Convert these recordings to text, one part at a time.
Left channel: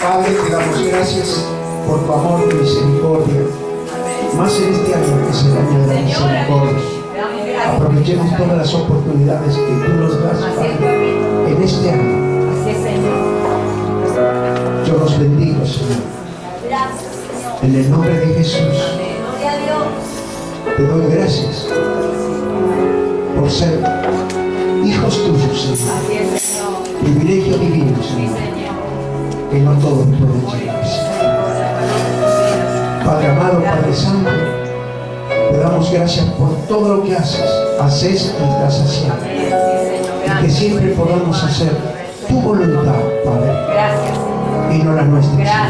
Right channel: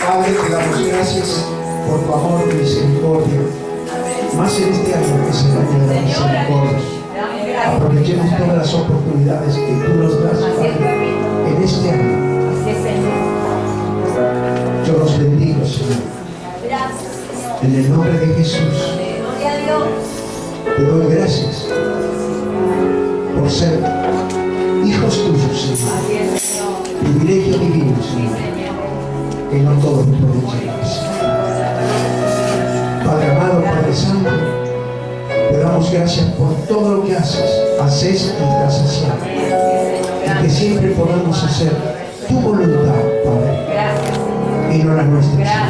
Padre, te damos gracias por tu amor y misericordia. Más en este año que es el año de la misericordia. Aprovechemos todas las oportunidades que tú nos das, Padre, en este año. Yo los bendigo, Señor. En el nombre de Jesús. Te doy gracias por ser hijos tuyos, Señor. Privilegio divino, Señor, que no todos pueden llegar. Padre amado, Padre santo, te damos gracias por todo lo que haces y estás haciendo. Y que siempre podamos hacer tu voluntad, Padre, y no la nuestra.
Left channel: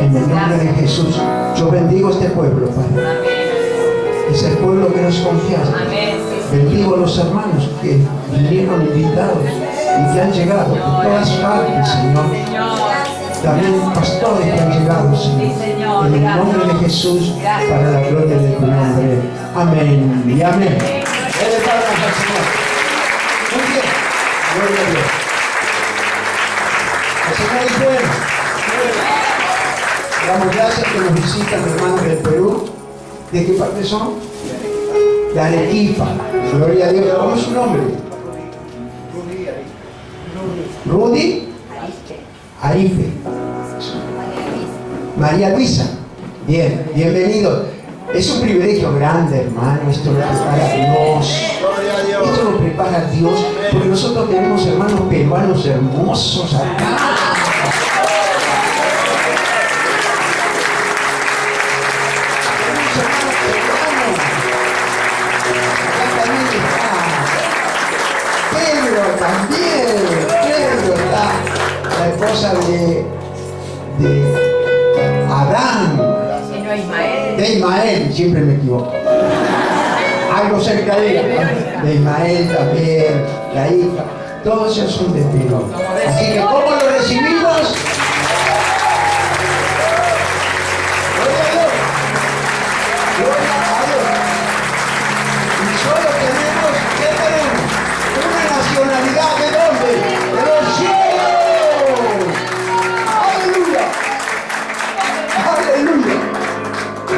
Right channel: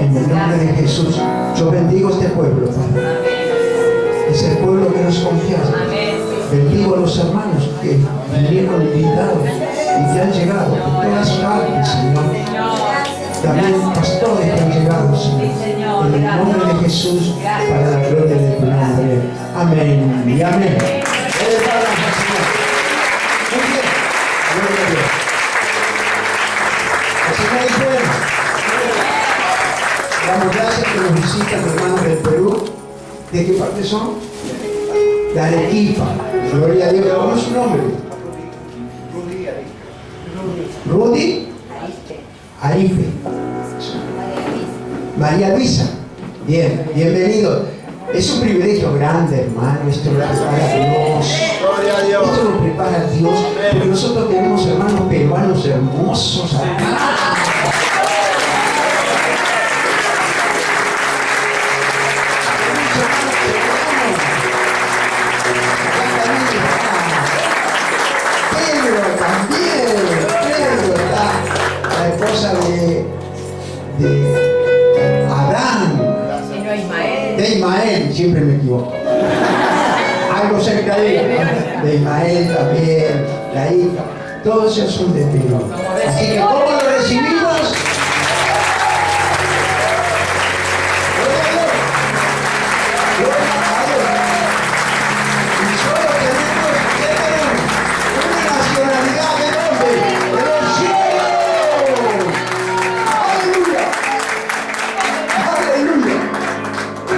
En el nombre de Jesús, yo bendigo este pueblo, Padre. Es el pueblo que nos confía. Bendigo a los hermanos que vinieron invitados y que han llegado de todas partes, Señor. También pastores que han llegado, Señor. En el nombre de Jesús, para la gloria de tu nombre. Amén y amén. Dele palmas al Señor. Muy bien. Gloria a Dios. El Señor es bueno. Damos gracias que nos visitan hermanos del Perú. ¿De qué parte son? De Arequipa. Gloria a Dios. ¿Cómo es su nombre? Rudy Arife. María Luisa. Bien, bienvenido. Es un privilegio grande, hermano. Esto lo prepara Dios. Esto lo prepara Dios. Porque nosotros tenemos hermanos peruanos hermosos acá. De Adán, de Ismael, siempre me equivoco, algo cerca de ella, de Ismael también, la hija, todos ellos son de Perú. Así que ¿cómo lo recibimos? Y solo tenemos, ¿qué tenemos? Una nacionalidad de dónde? De los cielos.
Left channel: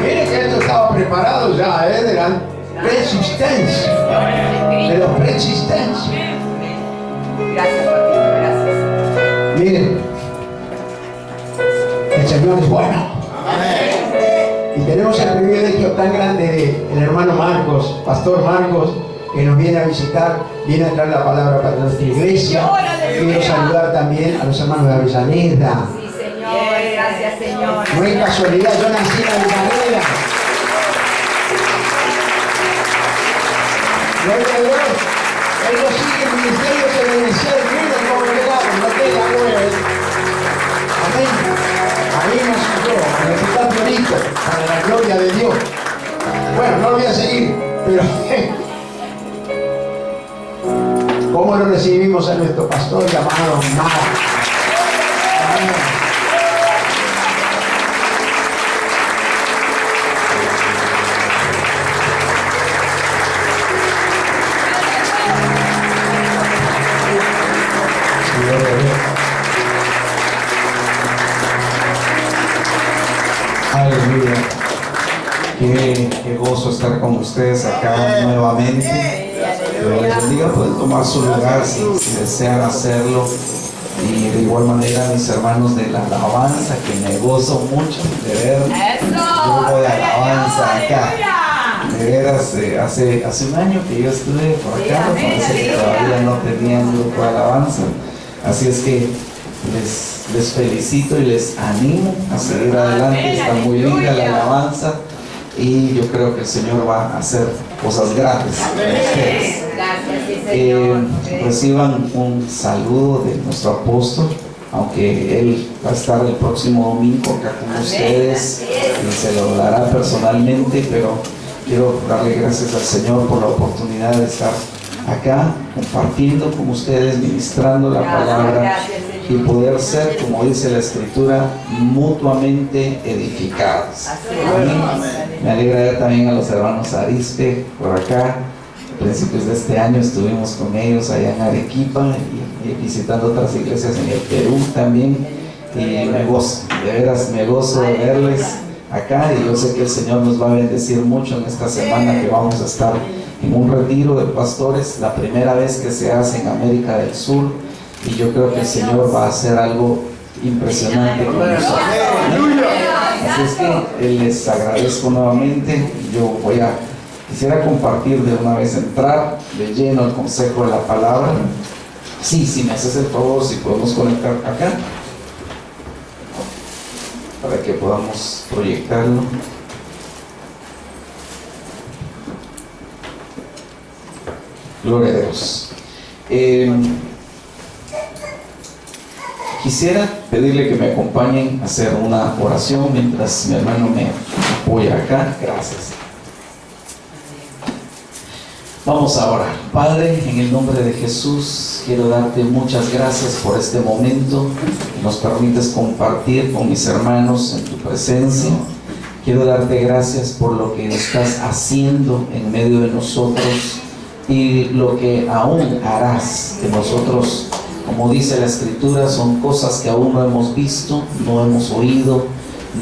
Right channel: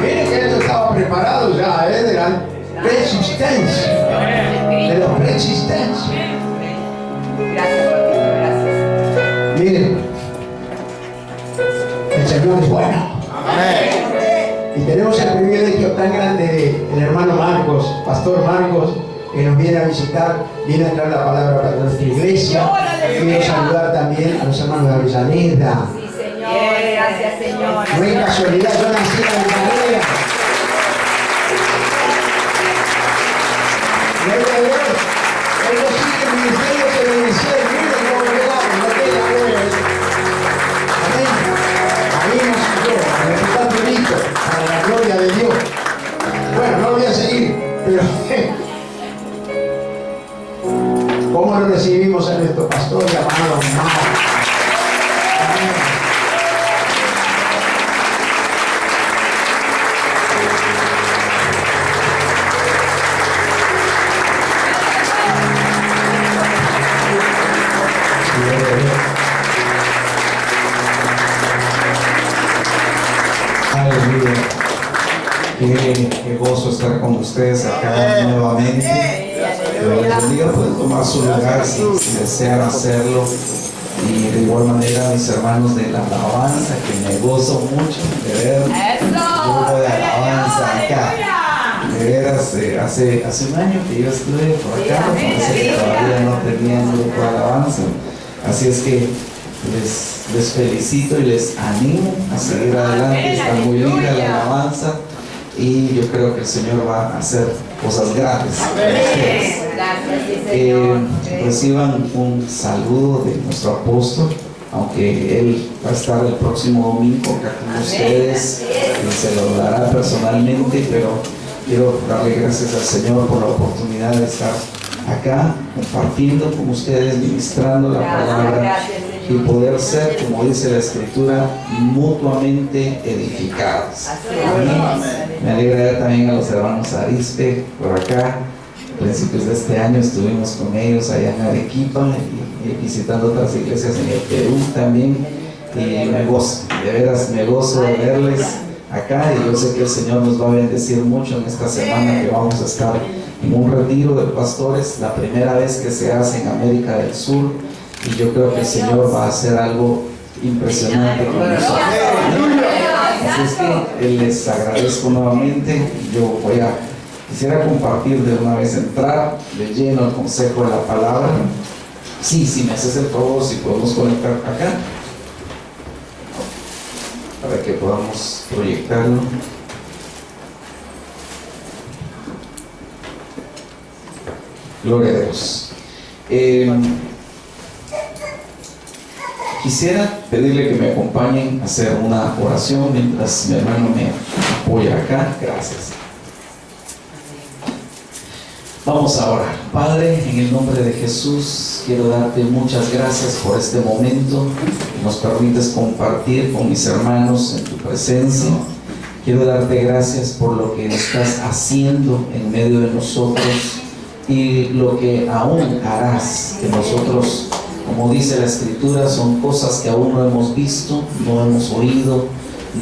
Miren que esto estaba preparado ya, de la preexistencia, de la preexistencia. Miren, el Señor es bueno. Y tenemos el privilegio tan grande del hermano Marcos, Pastor Marcos, que nos viene a visitar, viene a traer la palabra para nuestra iglesia. Quiero saludar también a los hermanos de Avellaneda. Gracias, Señor. No es casualidad, yo nací en Avellaneda. Gloria a Dios. Ellos siguen el ministerio que le decía el mundo como llegamos, no queda bueno. Amén. Ahí nació yo, en el tan bonito, para la gloria de Dios. Bueno, no voy a seguir, pero ¿cómo lo recibimos a nuestro pastor llamado Marcos? Amén. Aleluya. Qué gozo estar con ustedes acá nuevamente. Dios les bendiga, pueden tomar su lugar si desean hacerlo. Y de igual manera mis hermanos de la alabanza, que me gozo mucho de ver un grupo de alabanza acá. De veras, hace un año que yo estuve por acá, parece que todavía no tenían grupo de alabanza. Así es que les felicito y les animo a seguir adelante. Está muy linda la alabanza y yo creo que el Señor va a hacer cosas grandes para ustedes. Reciban un saludo de nuestro apóstol, aunque él va a estar el próximo domingo acá con ustedes y se lo dará personalmente, pero quiero darle gracias al Señor por la oportunidad de estar acá compartiendo con ustedes, ministrando la palabra y poder ser, como dice la Escritura, mutuamente edificados. Amén. Me alegra ver también a los hermanos Arispe por acá. A principios de este año estuvimos con ellos allá en Arequipa y visitando otras iglesias en el Perú también. y me gozo, de veras me gozo de verles acá, y yo sé que el Señor nos va a bendecir mucho en esta semana que vamos a estar en un retiro de pastores, la primera vez que se hace en América del Sur, y yo creo que el Señor va a hacer algo impresionante con nosotros. Así es que les agradezco nuevamente. Yo quisiera compartir de una vez, entrar de lleno al consejo de la palabra. Sí, si me haces el favor, si podemos conectar acá para que podamos proyectarlo. Gloria a Dios. Quisiera pedirle que me acompañen a hacer una oración mientras mi hermano me apoya acá. Gracias. Vamos a orar. Padre, en el nombre de Jesús, quiero darte muchas gracias por este momento que nos permites compartir con mis hermanos en tu presencia. Quiero darte gracias por lo que estás haciendo en medio de nosotros y lo que aún harás, que nosotros, como dice la Escritura, son cosas que aún no hemos visto, no hemos oído,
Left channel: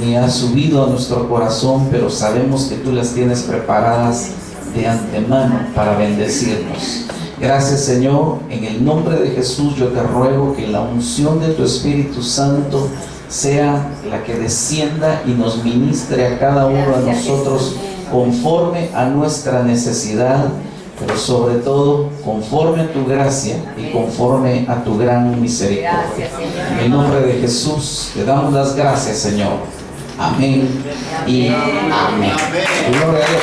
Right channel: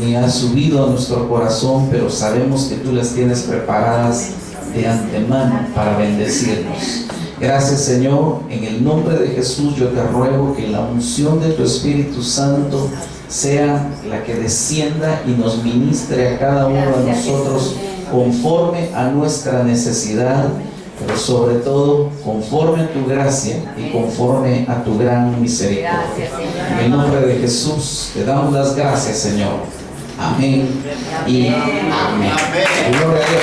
ni ha subido a nuestro corazón, pero sabemos que tú las tienes preparadas de antemano para bendecirnos. Gracias, Señor. En el nombre de Jesús yo te ruego que la unción de tu Espíritu Santo sea la que descienda y nos ministre a cada uno de nosotros conforme a nuestra necesidad, pero sobre todo conforme a tu gracia y conforme a tu gran misericordia. En el nombre de Jesús te damos las gracias, Señor. Amén y amén. Gloria a Dios.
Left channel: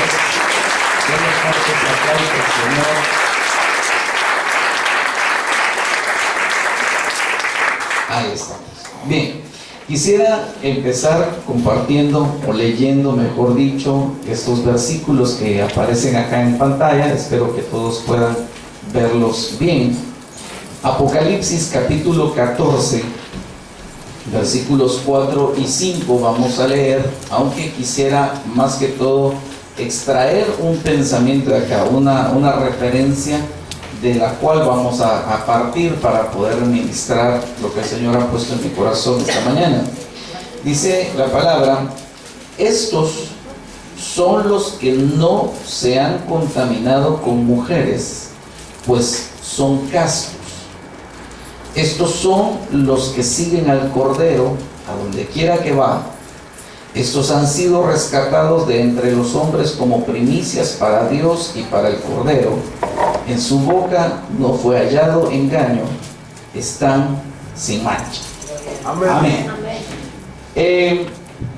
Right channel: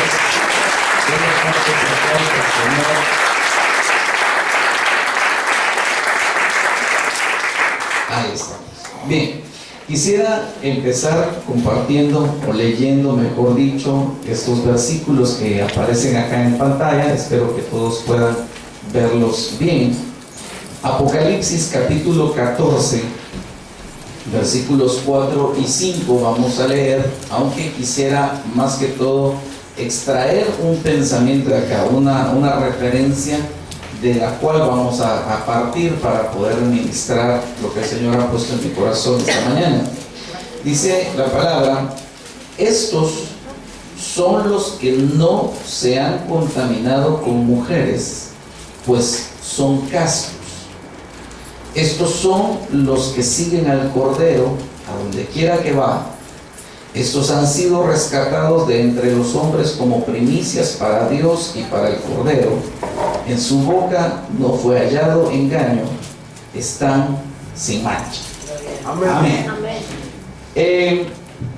Ahí estamos. Bien, quisiera empezar compartiendo o leyendo, mejor dicho, estos versículos que aparecen acá en pantalla. Espero que todos puedan verlos bien. Apocalipsis capítulo 14, versículos 4 y 5 vamos a leer, aunque quisiera más que todo extraer un pensamiento de acá, una referencia de la cual vamos a partir para poder ministrar lo que el Señor ha puesto en mi corazón esta mañana. Dice la palabra: estos son los que no se han contaminado con mujeres, pues son castos. Estos son los que siguen al Cordero a donde quiera que va. Estos han sido rescatados de entre los hombres como primicias para Dios y para el Cordero. En su boca no fue hallado engaño. Están sin mancha. Amén.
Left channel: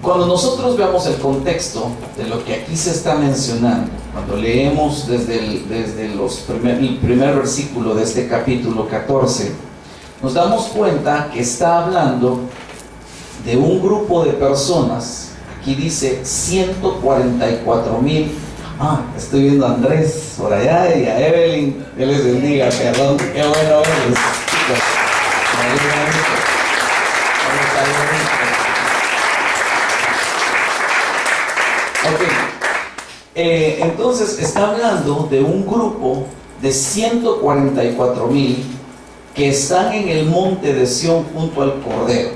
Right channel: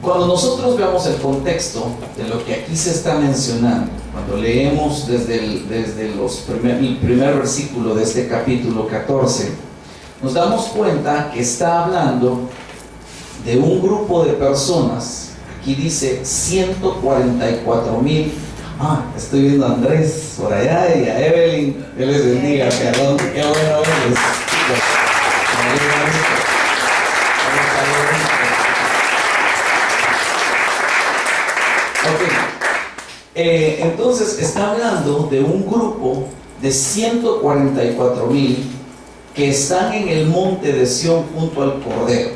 Cuando nosotros veamos el contexto de lo que aquí se está mencionando, cuando leemos desde el primer versículo de este capítulo 14, nos damos cuenta que está hablando de un grupo de personas. Aquí dice 144,000. Estoy viendo a Andrés por allá y a Evelyn. Dios les bendiga, perdón. Qué bueno verles. Entonces está hablando de un grupo de 144,000 que están en el monte de Sión junto al Cordero.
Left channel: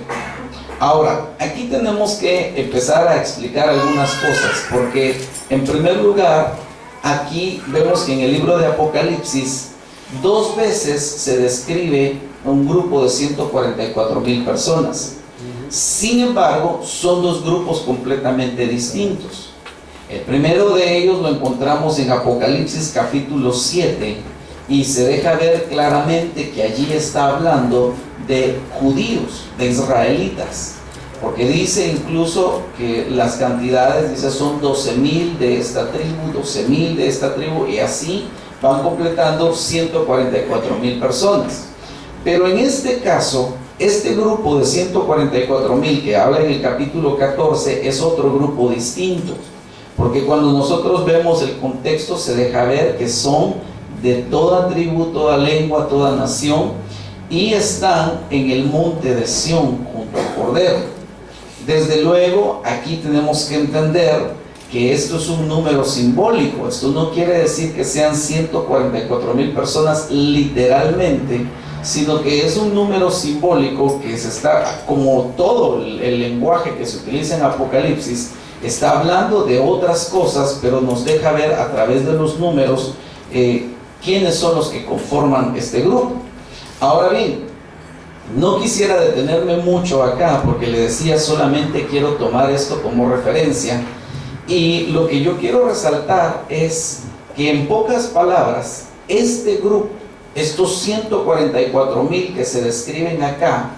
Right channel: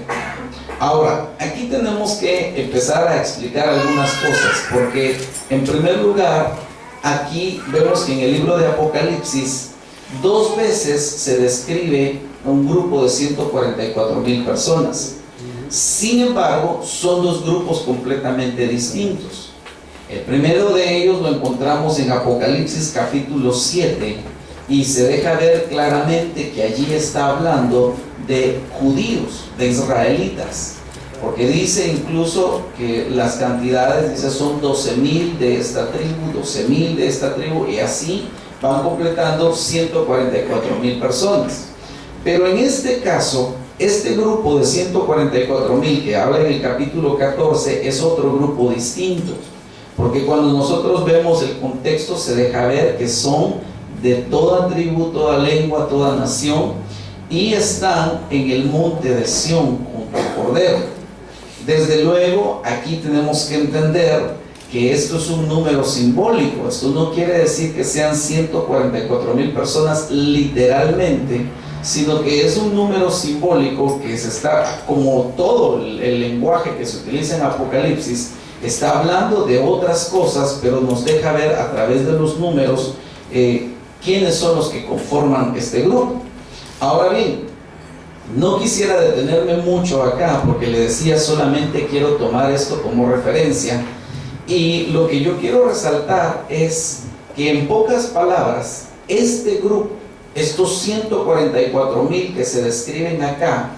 Ahora, aquí tenemos que empezar a explicar algunas cosas, porque en primer lugar, aquí vemos que en el libro de Apocalipsis 2 veces se describe un grupo de 144,000 personas. Sin embargo, son 2 grupos completamente distintos. El primero de ellos lo encontramos en Apocalipsis capítulo 7, y se deja ver claramente que allí está hablando de judíos, de israelitas, porque dice incluso que las cantidades, dice, son 12,000 de esta tribu, 12,000 de esta tribu, y así van completando 144,000 personas. Pero en este caso, este grupo de 144,000 que habla en el capítulo 14 es otro grupo distinto, porque cuando nosotros vemos el contexto se deja ver que son de toda tribu, toda lengua, toda nación, y están en el monte de Sión junto al Cordero. Desde luego, aquí tenemos que entender que esto es un número simbólico. Esto no quiere decir que sean 144,000 personas literalmente, sino que es un número simbólico que se está, como todo el lenguaje que se utiliza en Apocalipsis, está hablando de otras cosas, pero nos deja ver a través de los números quiénes son los que conforman este grupo. Ahora bien, no quisiera detenerme mucho acá, porque le decía solamente quiero tomar esto como referencia, y lo que yo quiero resaltar es que en pocas palabras, este grupo, estos 144,000 que se describen acá,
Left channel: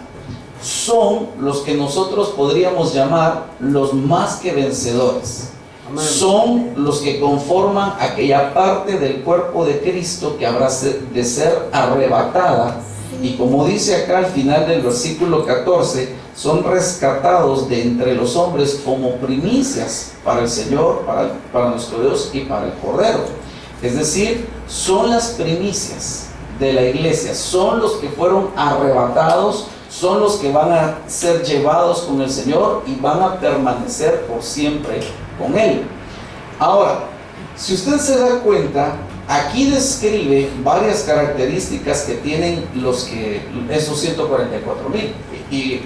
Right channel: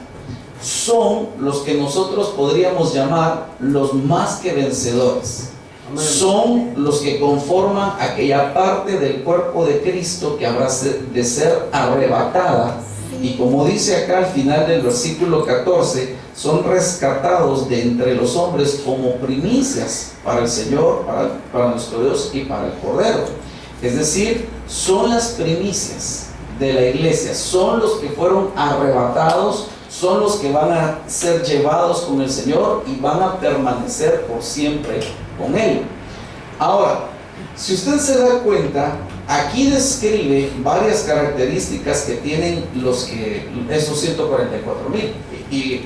son los que nosotros podríamos llamar los más que vencedores. Amén. Son los que conforman aquella parte del cuerpo de Cristo que habrá de ser arrebatada. Y como dice acá al final del versículo 14, son rescatados de entre los hombres como primicias para el Señor, para nuestro Dios y para el Cordero. Es decir, son las primicias de la iglesia, son los que fueron arrebatados, son los que van a ser llevados con el Señor y van a permanecer por siempre con Él. Ahora, si usted se da cuenta, aquí describe varias características que tienen esos 144,000.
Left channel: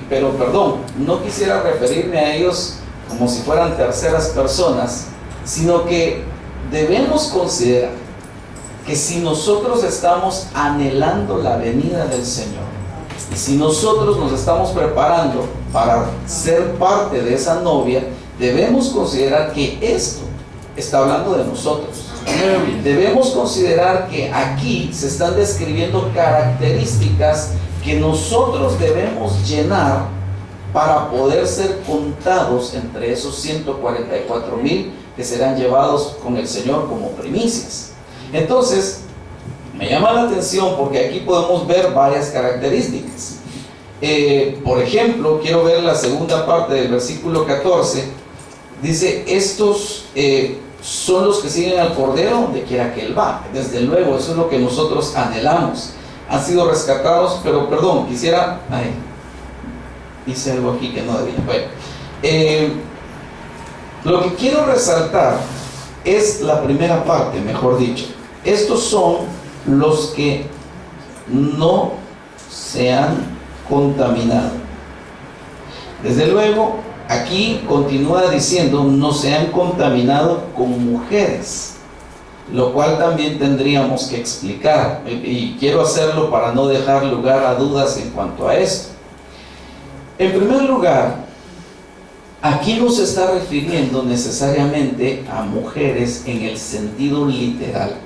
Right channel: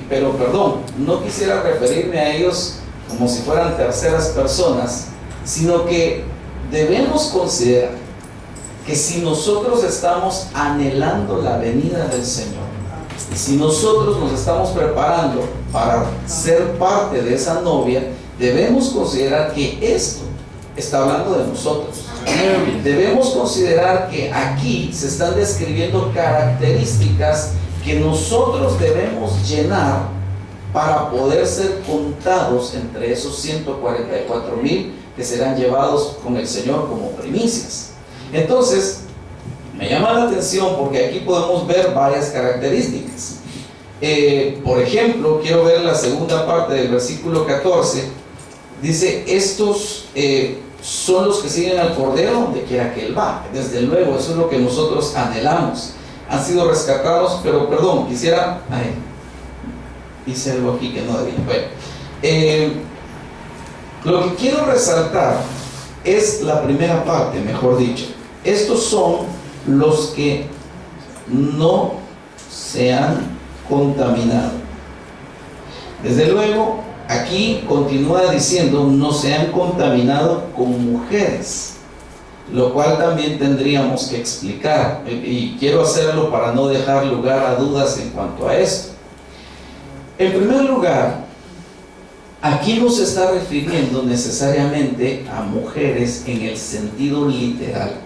Pero perdón, no quisiera referirme a ellos como si fueran terceras personas, sino que debemos considerar que si nosotros estamos anhelando la venida del Señor, y si nosotros nos estamos preparando para ser parte de esa novia, debemos considerar que esto está hablando de nosotros. Debemos considerar que aquí se están describiendo características que nosotros debemos llenar para poder ser contados entre esos 144,000 que serán llevados con el Señor como primicias. Entonces, me llama la atención porque aquí podemos ver varias características. Por ejemplo, quiero ver la segunda parte del versículo 14. Dice, estos son los que siguen al Cordero donde quiera que Él va. Desde luego, eso es lo que nosotros anhelamos. Han sido rescatados, pero perdón, quisiera... hice algo aquí que no debía. Bueno, lo que quiero resaltar es la primera parte, mejor dicho. Estos son los que no se han contaminado. Desde luego, aquí continúa diciendo, no se han contaminado con mujeres, lo cual también tendríamos que explicar, y quiero hacerlo para no dejar lugar a dudas en cuanto a esto. En primer lugar, aquí no se está refiriendo necesariamente a mujeres en el sentido literal.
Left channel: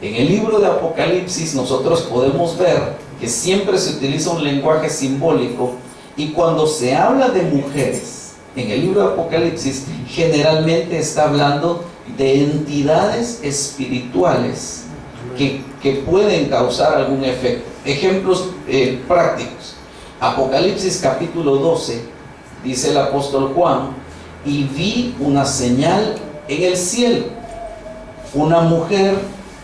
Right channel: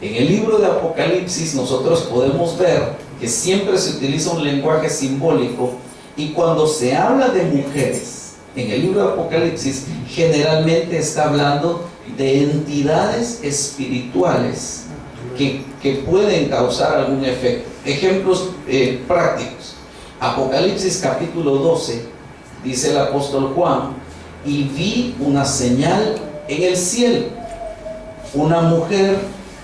En el libro de Apocalipsis nosotros podemos ver que siempre se utiliza un lenguaje simbólico, y cuando se habla de mujeres en el libro de Apocalipsis, generalmente está hablando de entidades espirituales que pueden causar algún efecto. Ejemplos prácticos. Apocalipsis capítulo 12, dice el apóstol Juan, y vi una señal en el cielo, una mujer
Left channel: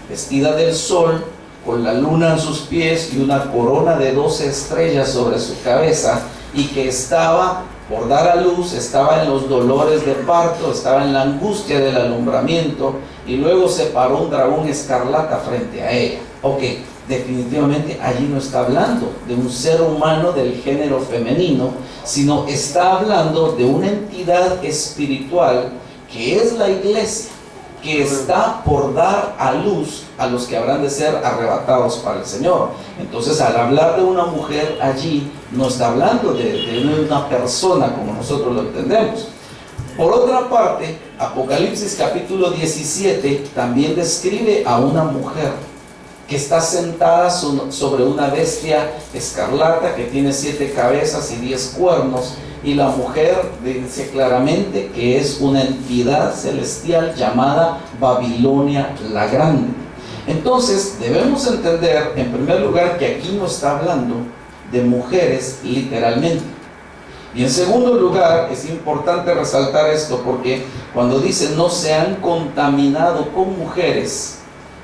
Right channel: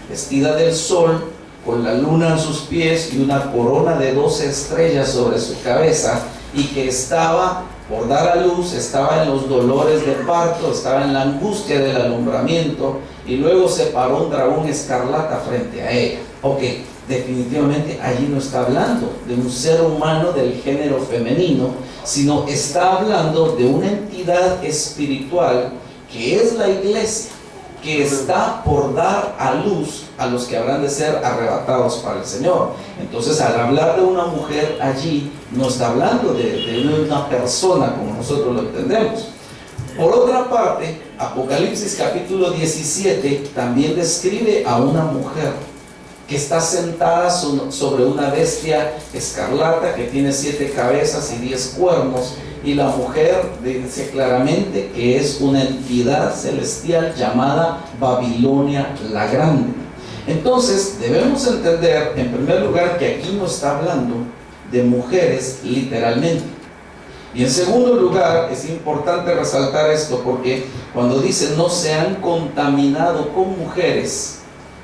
vestida del sol, con la luna en sus pies y una corona de 12 estrellas sobre su cabeza, y que estaba por dar a luz, estaba en los dolores de parto, estaba en la angustia del alumbramiento, y luego se paró un dragón escarlata frente a ella. Ok, definitivamente allí no está hablando de un ser humano del género femenino, sino está hablando de una entidad espiritual que es la iglesia, que está por dar a luz a los que habrán de ser arrebatados para el Señor. Entonces, al hablar de una mujer allí, no está hablando de una persona como nosotros lo entendemos. Por otra parte, Apocalipsis capítulo 17 también describe a una mujer que está sentada sobre una bestia escarlata que tiene 7 cabezas y 10 cuernos, y la mujer dice claramente que es una entidad celestial llamada Babilonia la Grande. Entonces debemos entender en primer lugar que aquí no está hablando de mujeres literalmente, y en segundo lugar es importante resaltar esto porque cuando dice no se han contaminado con mujeres,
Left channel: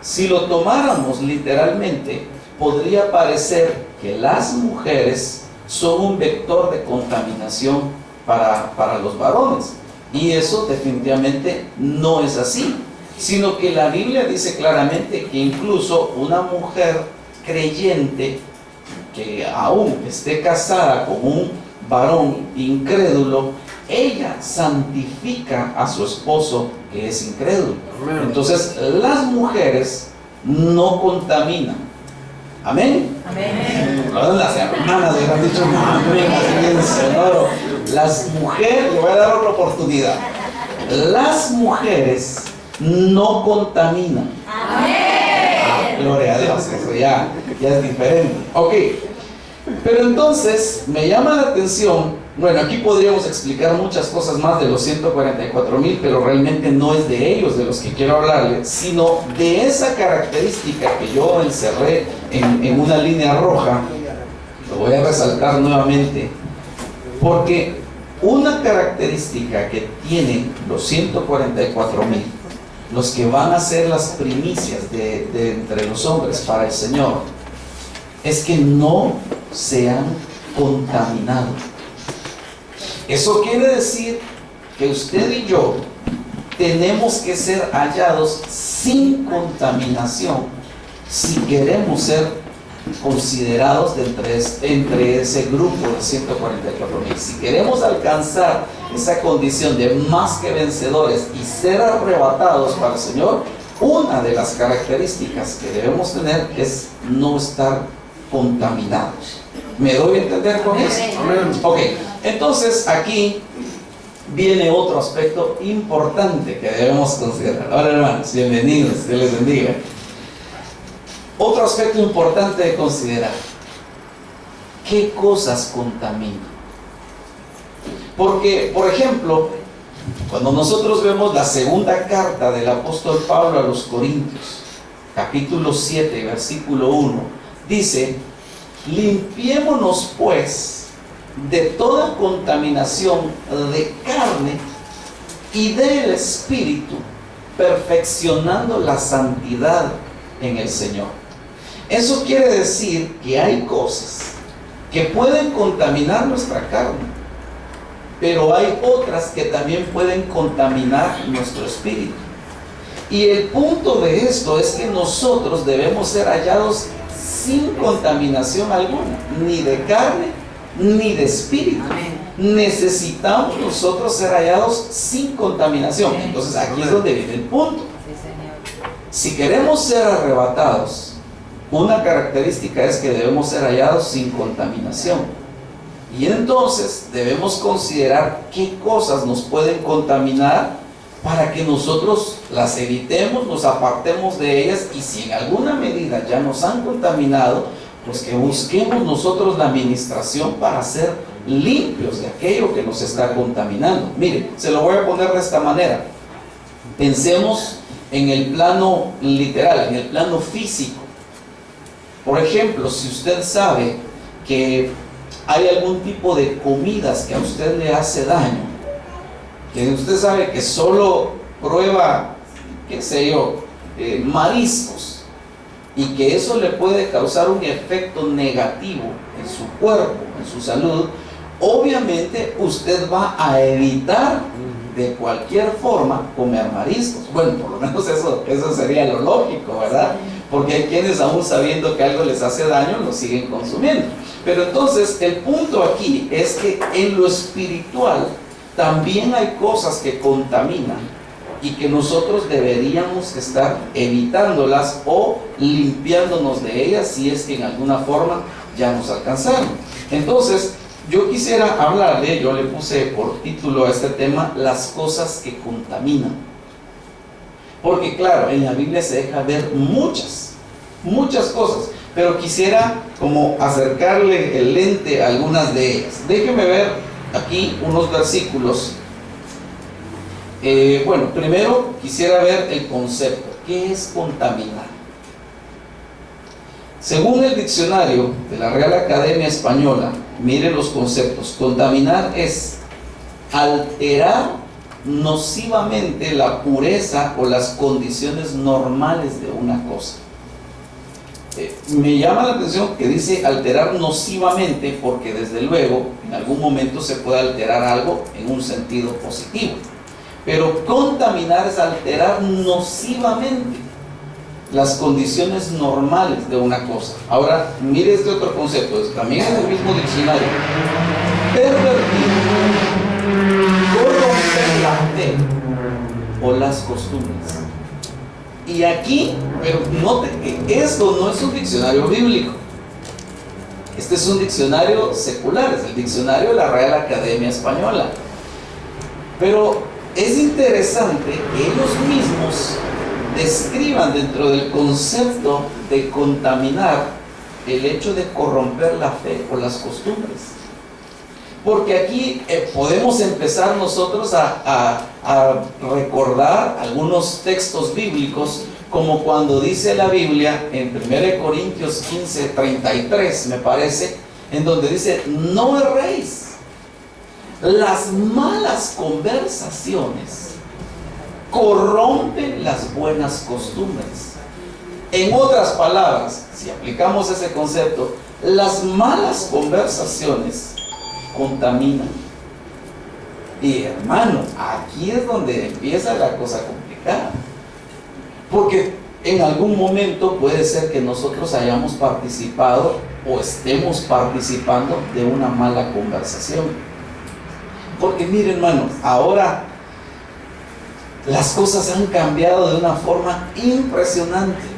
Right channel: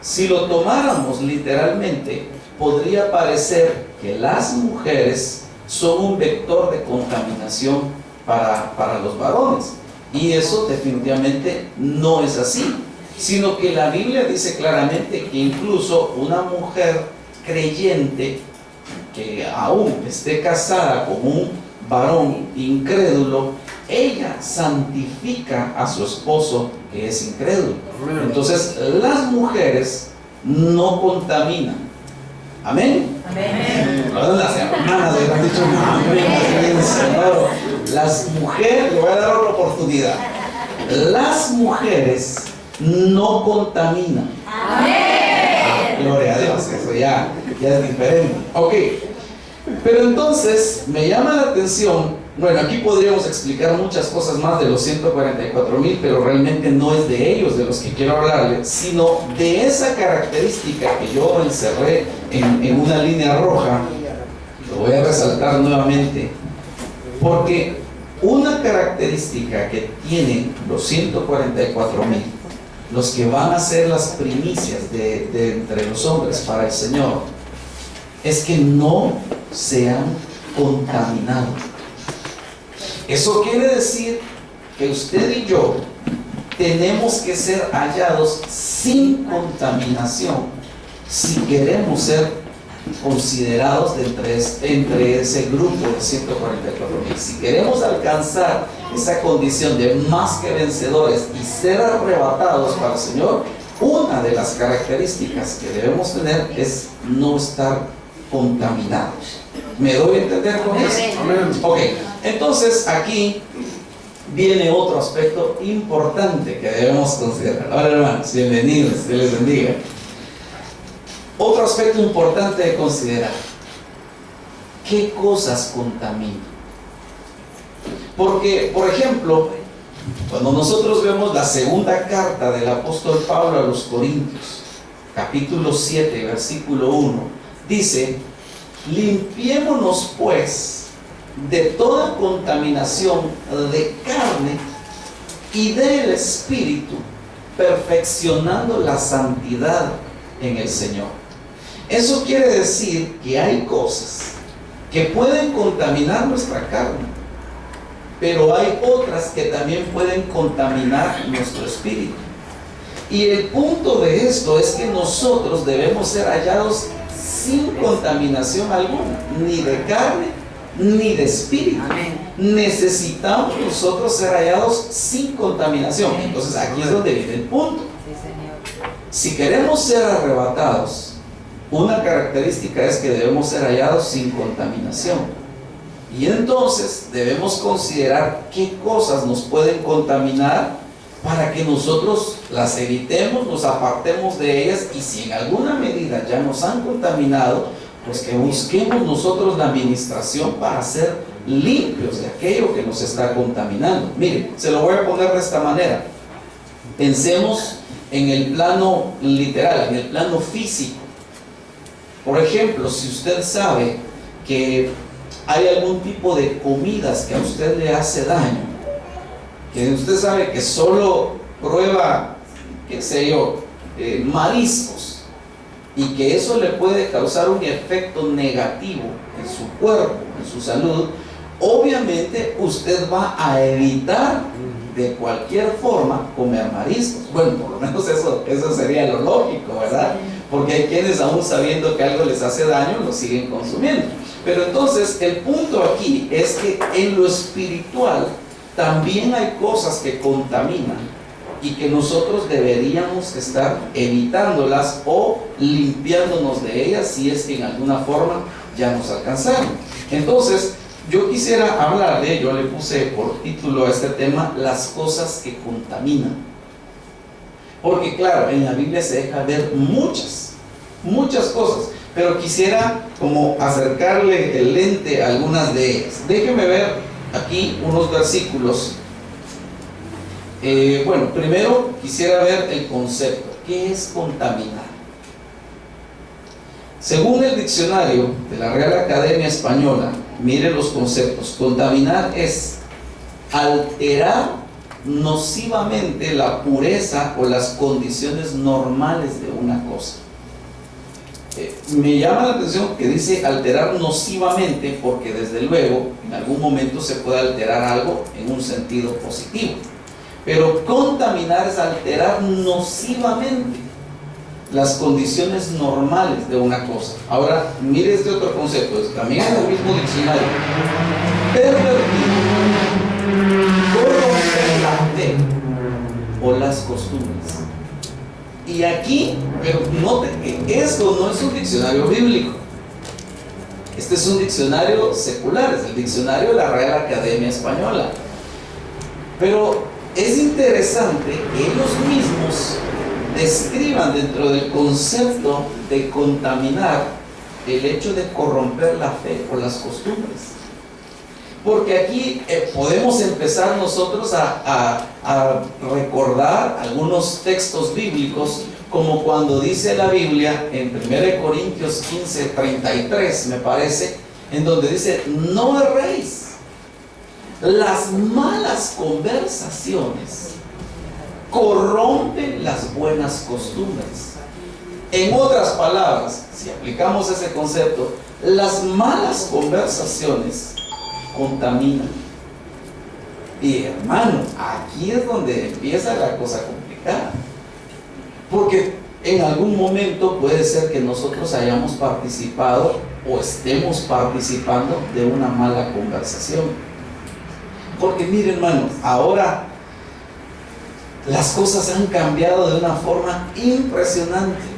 si lo tomáramos literalmente, podría parecer que las mujeres son un vector de contaminación para los varones, y eso definitivamente no es así, sino que la Biblia dice claramente que incluso una mujer creyente que aún esté casada con un varón incrédulo, ella santifica a su esposo que es incrédulo. Entonces las mujeres no contaminan. Amén. Amén. Las hermanas hubieran dicho amén. Sonoro. Las mujeres, le voy a dar otra oportunidad. Las mujeres no contaminan. Amén. Gloria a Dios, eso ya es diferente. Ok, pero entonces me llama la atención. Bueno, aquí podríamos explicar muchas cosas más de los 144,000, pero realmente no es de ellos de los que quiero hablarles, sino de esa característica que yo encerré en una línea roja. Lo voy a resaltar nuevamente, porque una característica que tienen los 144,000, los que van a ser las primicias de entre los hombres para el Señor, es que no se han contaminado. Eso quiere decir que usted y yo tenemos que ser hallados sin contaminación si queremos ser considerados entre ese grupo de 144,000. Si queremos alcanzar esa condición de más que vencedores y ser arrebatados para el Señor, una de las características que debemos tener es no estar contaminados. ¿Me doy a entender con eso? Ok, entonces aquí viene otro aspecto importante que debemos considerar. Ahora, hermanos, bienvenidos, Dios les bendiga. Otro aspecto importante de considerar: ¿qué cosas contaminan? Porque, por ejemplo, cuando nosotros vemos la segunda carta del apóstol Pablo a los Corintios, capítulo 7, versículo 1, dice: limpiémonos pues de toda contaminación de carne y del espíritu, perfeccionando la santidad en el Señor. Eso quiere decir que hay cosas que pueden contaminar nuestra carne, pero hay otras que también pueden contaminar nuestro espíritu. Y el punto de esto es que nosotros debemos ser hallados sin contaminación alguna, ni de carne ni de espíritu. Necesitamos nosotros ser hallados sin contaminación. Entonces aquí es donde viene el punto. Si queremos ser arrebatados, una característica es que debemos ser hallados sin contaminación. Y entonces debemos considerar qué cosas nos pueden contaminar para que nosotros las evitemos, nos apartemos de ellas, y si en alguna medida ya nos han contaminado, pues que busquemos nosotros la administración para ser limpios de aquello que nos está contaminando. Mire, se lo voy a poner de esta manera. Pensemos en el plano literal, en el plano físico. Por ejemplo, si usted sabe que hay algún tipo de comidas que a usted le hace daño, que usted sabe que solo prueba, qué sé yo, mariscos, y que eso le puede causar un efecto negativo en su cuerpo, en su salud, obviamente usted va a evitar de cualquier forma comer mariscos. Bueno, por lo menos eso sería lo lógico, ¿verdad? Porque hay quienes, aún sabiendo que algo les hace daño, lo siguen consumiendo. Pero entonces el punto aquí es que en lo espiritual también hay cosas que contaminan y que nosotros deberíamos estar evitándolas o limpiándonos de ellas si es que en alguna forma ya nos alcanzaron. Entonces yo quisiera hablarle, yo le puse por título a este tema, las cosas que contaminan. Porque claro, en la Biblia se deja ver muchas cosas, pero quisiera como acercarle el lente a algunas de ellas. Déjeme ver aquí unos versículos. Bueno, primero quisiera ver el concepto. ¿Qué es contaminar? Según el diccionario de la Real Academia Española, mire los conceptos. Contaminar es alterar nocivamente la pureza o las condiciones normales de una cosa. Me llama la atención que dice alterar nocivamente, porque desde luego en algún momento se puede alterar algo en un sentido positivo, pero contaminar es alterar nocivamente las condiciones normales de una cosa. Ahora, mire este otro concepto, también en el mismo diccionario. Pervertir, corromper la fe o las costumbres. Y aquí, pero note que esto no es un diccionario bíblico. Este es un diccionario secular, es el diccionario de la Real Academia Española. Pero es interesante que ellos mismos describan dentro del concepto de contaminar el hecho de corromper la fe o las costumbres. Porque aquí podemos empezar nosotros a recordar algunos textos bíblicos, como cuando dice la Biblia en 1 Corintios 15:33, me parece, en donde dice: no erréis, las malas conversaciones corrompen las buenas costumbres. En otras palabras, si aplicamos ese concepto, las malas conversaciones contaminan. Y hermano, aquí es donde empieza la cosa complicada, porque en algún momento puede ser que nosotros hayamos participado o estemos participando de una mala conversación. Porque mire, hermano, ahora las cosas han cambiado de una forma impresionante.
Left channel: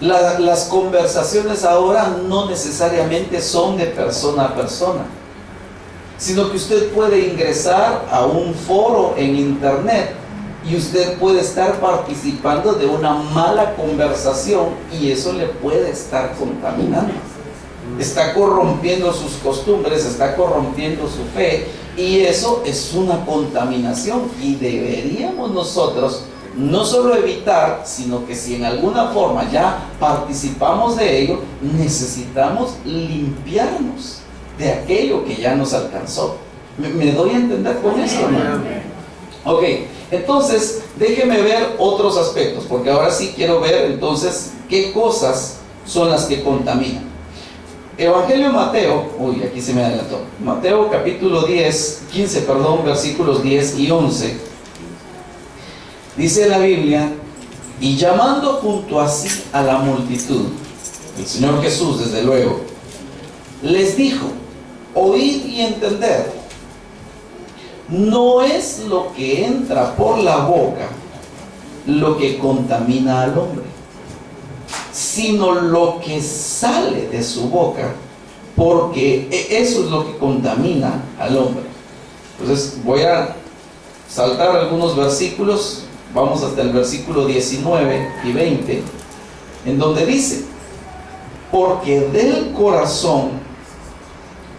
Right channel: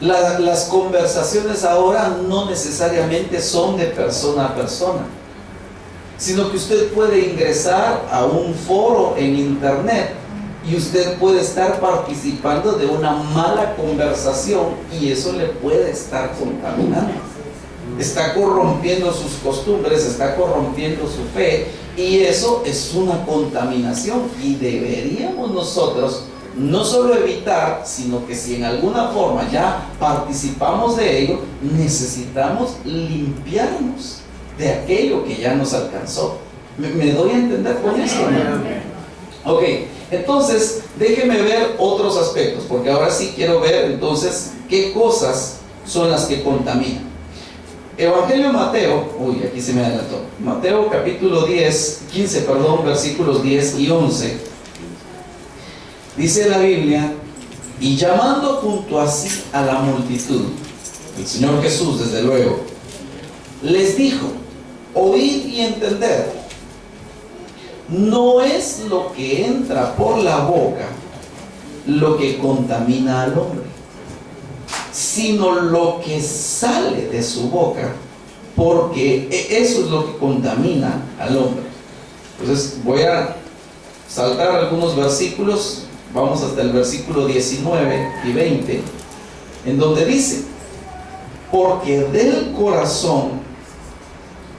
Las conversaciones ahora no necesariamente son de persona a persona, sino que usted puede ingresar a un foro en internet y usted puede estar participando de una mala conversación, y eso le puede estar contaminando. Está corrompiendo sus costumbres, está corrompiendo su fe, y eso es una contaminación. Y deberíamos nosotros no solo evitar, sino que si en alguna forma ya participamos de ello, necesitamos limpiarnos de aquello que ya nos alcanzó. ¿Me doy a entender con esto, ¿no? Ok, entonces déjeme ver otros aspectos, porque ahora sí quiero ver entonces qué cosas son las que contaminan. Evangelio de Mateo, aquí se me adelantó, Mateo capítulo 15, versículos 10 y 11, dice la Biblia: y llamando junto a sí a la multitud, el Señor Jesús desde luego, les dijo: oíd y entended, no es lo que entra por la boca lo que contamina al hombre, sino lo que sale de su boca, porque eso es lo que contamina al hombre. Entonces voy a saltar algunos versículos, vamos hasta el versículo 19 y 20, en donde dice: porque del corazón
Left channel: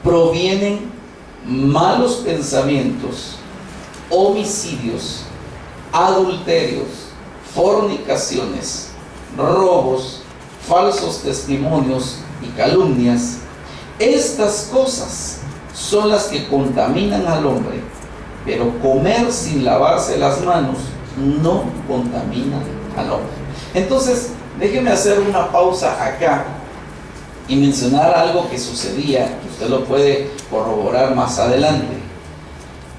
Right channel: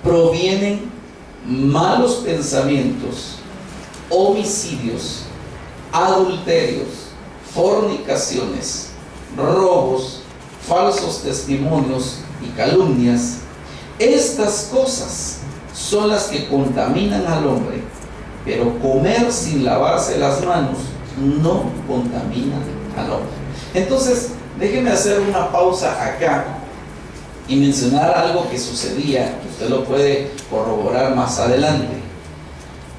provienen malos pensamientos, homicidios, adulterios, fornicaciones, robos, falsos testimonios y calumnias. Estas cosas son las que contaminan al hombre, pero comer sin lavarse las manos no contamina al hombre. Entonces, déjeme hacer una pausa acá y mencionar algo que sucedía, que usted lo puede corroborar más adelante.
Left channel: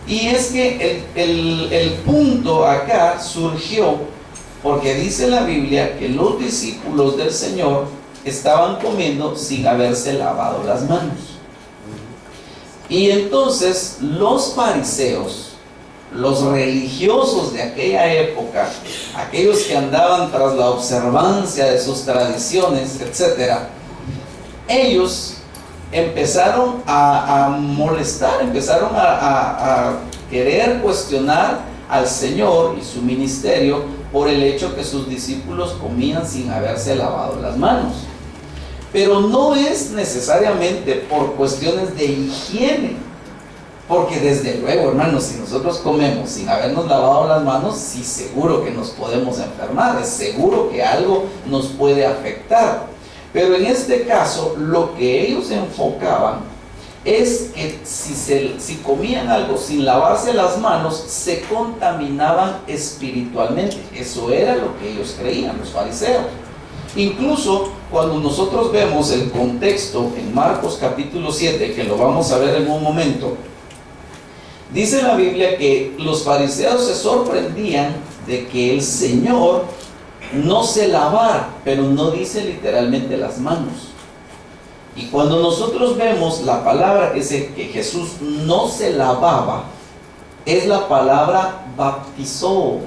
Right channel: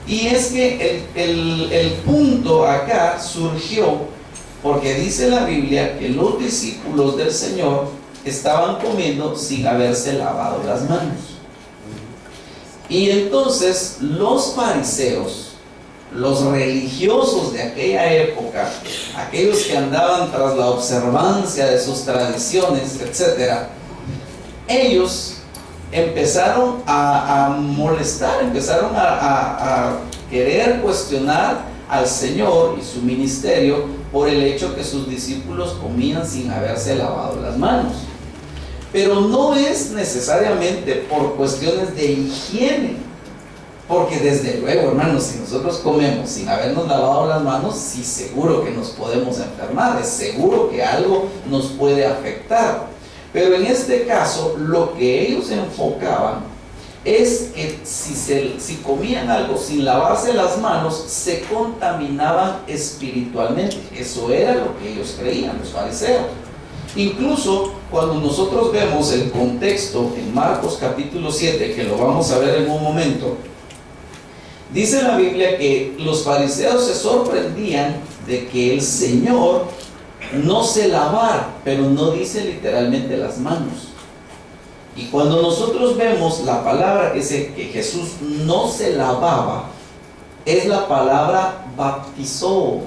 Y es que el punto acá surgió porque dice la Biblia que los discípulos del Señor estaban comiendo sin haberse lavado las manos. Y entonces los fariseos, los religiosos de aquella época, aquellos que andaban tras la observancia de sus tradiciones, etc., ellos empezaron a molestar, empezaron a querer cuestionar al Señor y su ministerio por el hecho que sus discípulos comían sin haberse lavado las manos. Pero no es necesariamente por cuestiones de higiene, porque desde luego, hermanos, si nosotros comemos sin habernos lavado las manos, sí, seguro que nos podemos enfermar, es seguro que algo nos puede afectar. Pero en este caso, lo que ellos enfocaban es que si comían algo sin lavarse las manos, se contaminaban espiritualmente. Eso era lo que ellos creían, los fariseos. Incluso cuando nosotros vemos el contexto en Marcos capítulo 7, que lo vamos a ver en un momento, dice la Biblia que los fariseos se sorprendían de que el Señor no se lavar, pero no dice literalmente las manos. Y cuando nosotros vemos la palabra que dice que Jesús no se lavaba, es la palabra baptizó,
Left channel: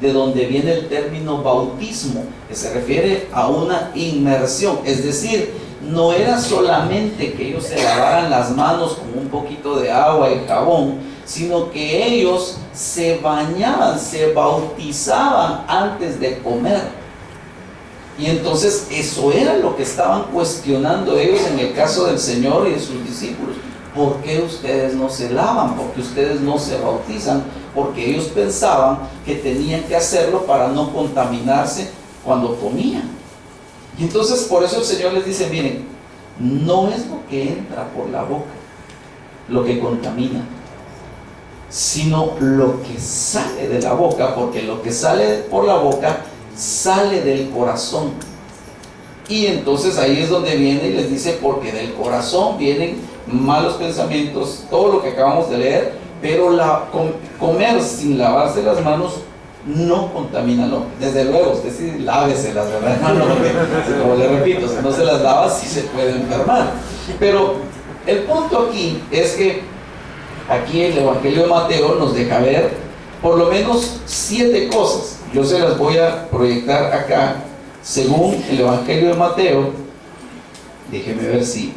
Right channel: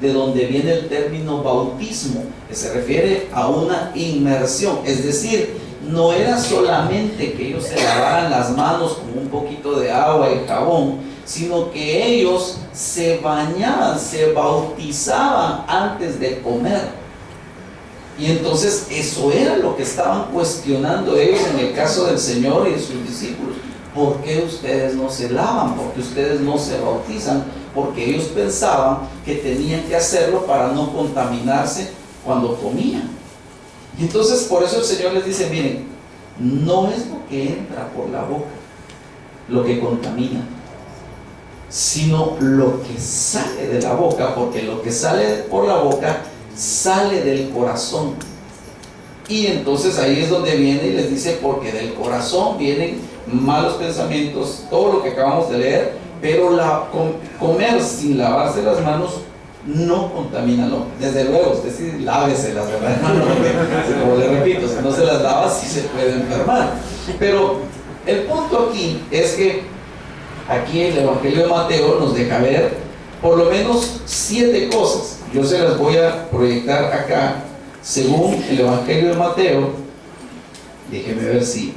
de donde viene el término bautismo, que se refiere a una inmersión. Es decir, no era solamente que ellos se lavaran las manos con un poquito de agua y jabón, sino que ellos se bañaban, se bautizaban antes de comer. Y entonces eso era lo que estaban cuestionando ellos en el caso del Señor y de sus discípulos. ¿Por qué ustedes no se lavan? ¿Por qué ustedes no se bautizan? Porque ellos pensaban que tenían que hacerlo para no contaminarse cuando comían. Y entonces por eso el Señor les dice, miren, no es lo que entra por la boca lo que contamina, sino lo que sale de la boca, porque lo que sale por la boca sale del corazón. Y entonces ahí es donde viene y les dice, porque del corazón vienen malos pensamientos, todo lo que acabamos de leer, pero comer sin lavarse las manos no contamina al hombre. Desde luego, usted sí láveselas, ¿verdad, hermano? Porque, como le repito, si no se las lava, sí se puede enfermar. Pero el punto aquí es que aquí el Evangelio de Mateo nos deja ver por lo menos 7 cosas. Yo se las voy a proyectar acá, según el Evangelio de Mateo. Déjeme ver si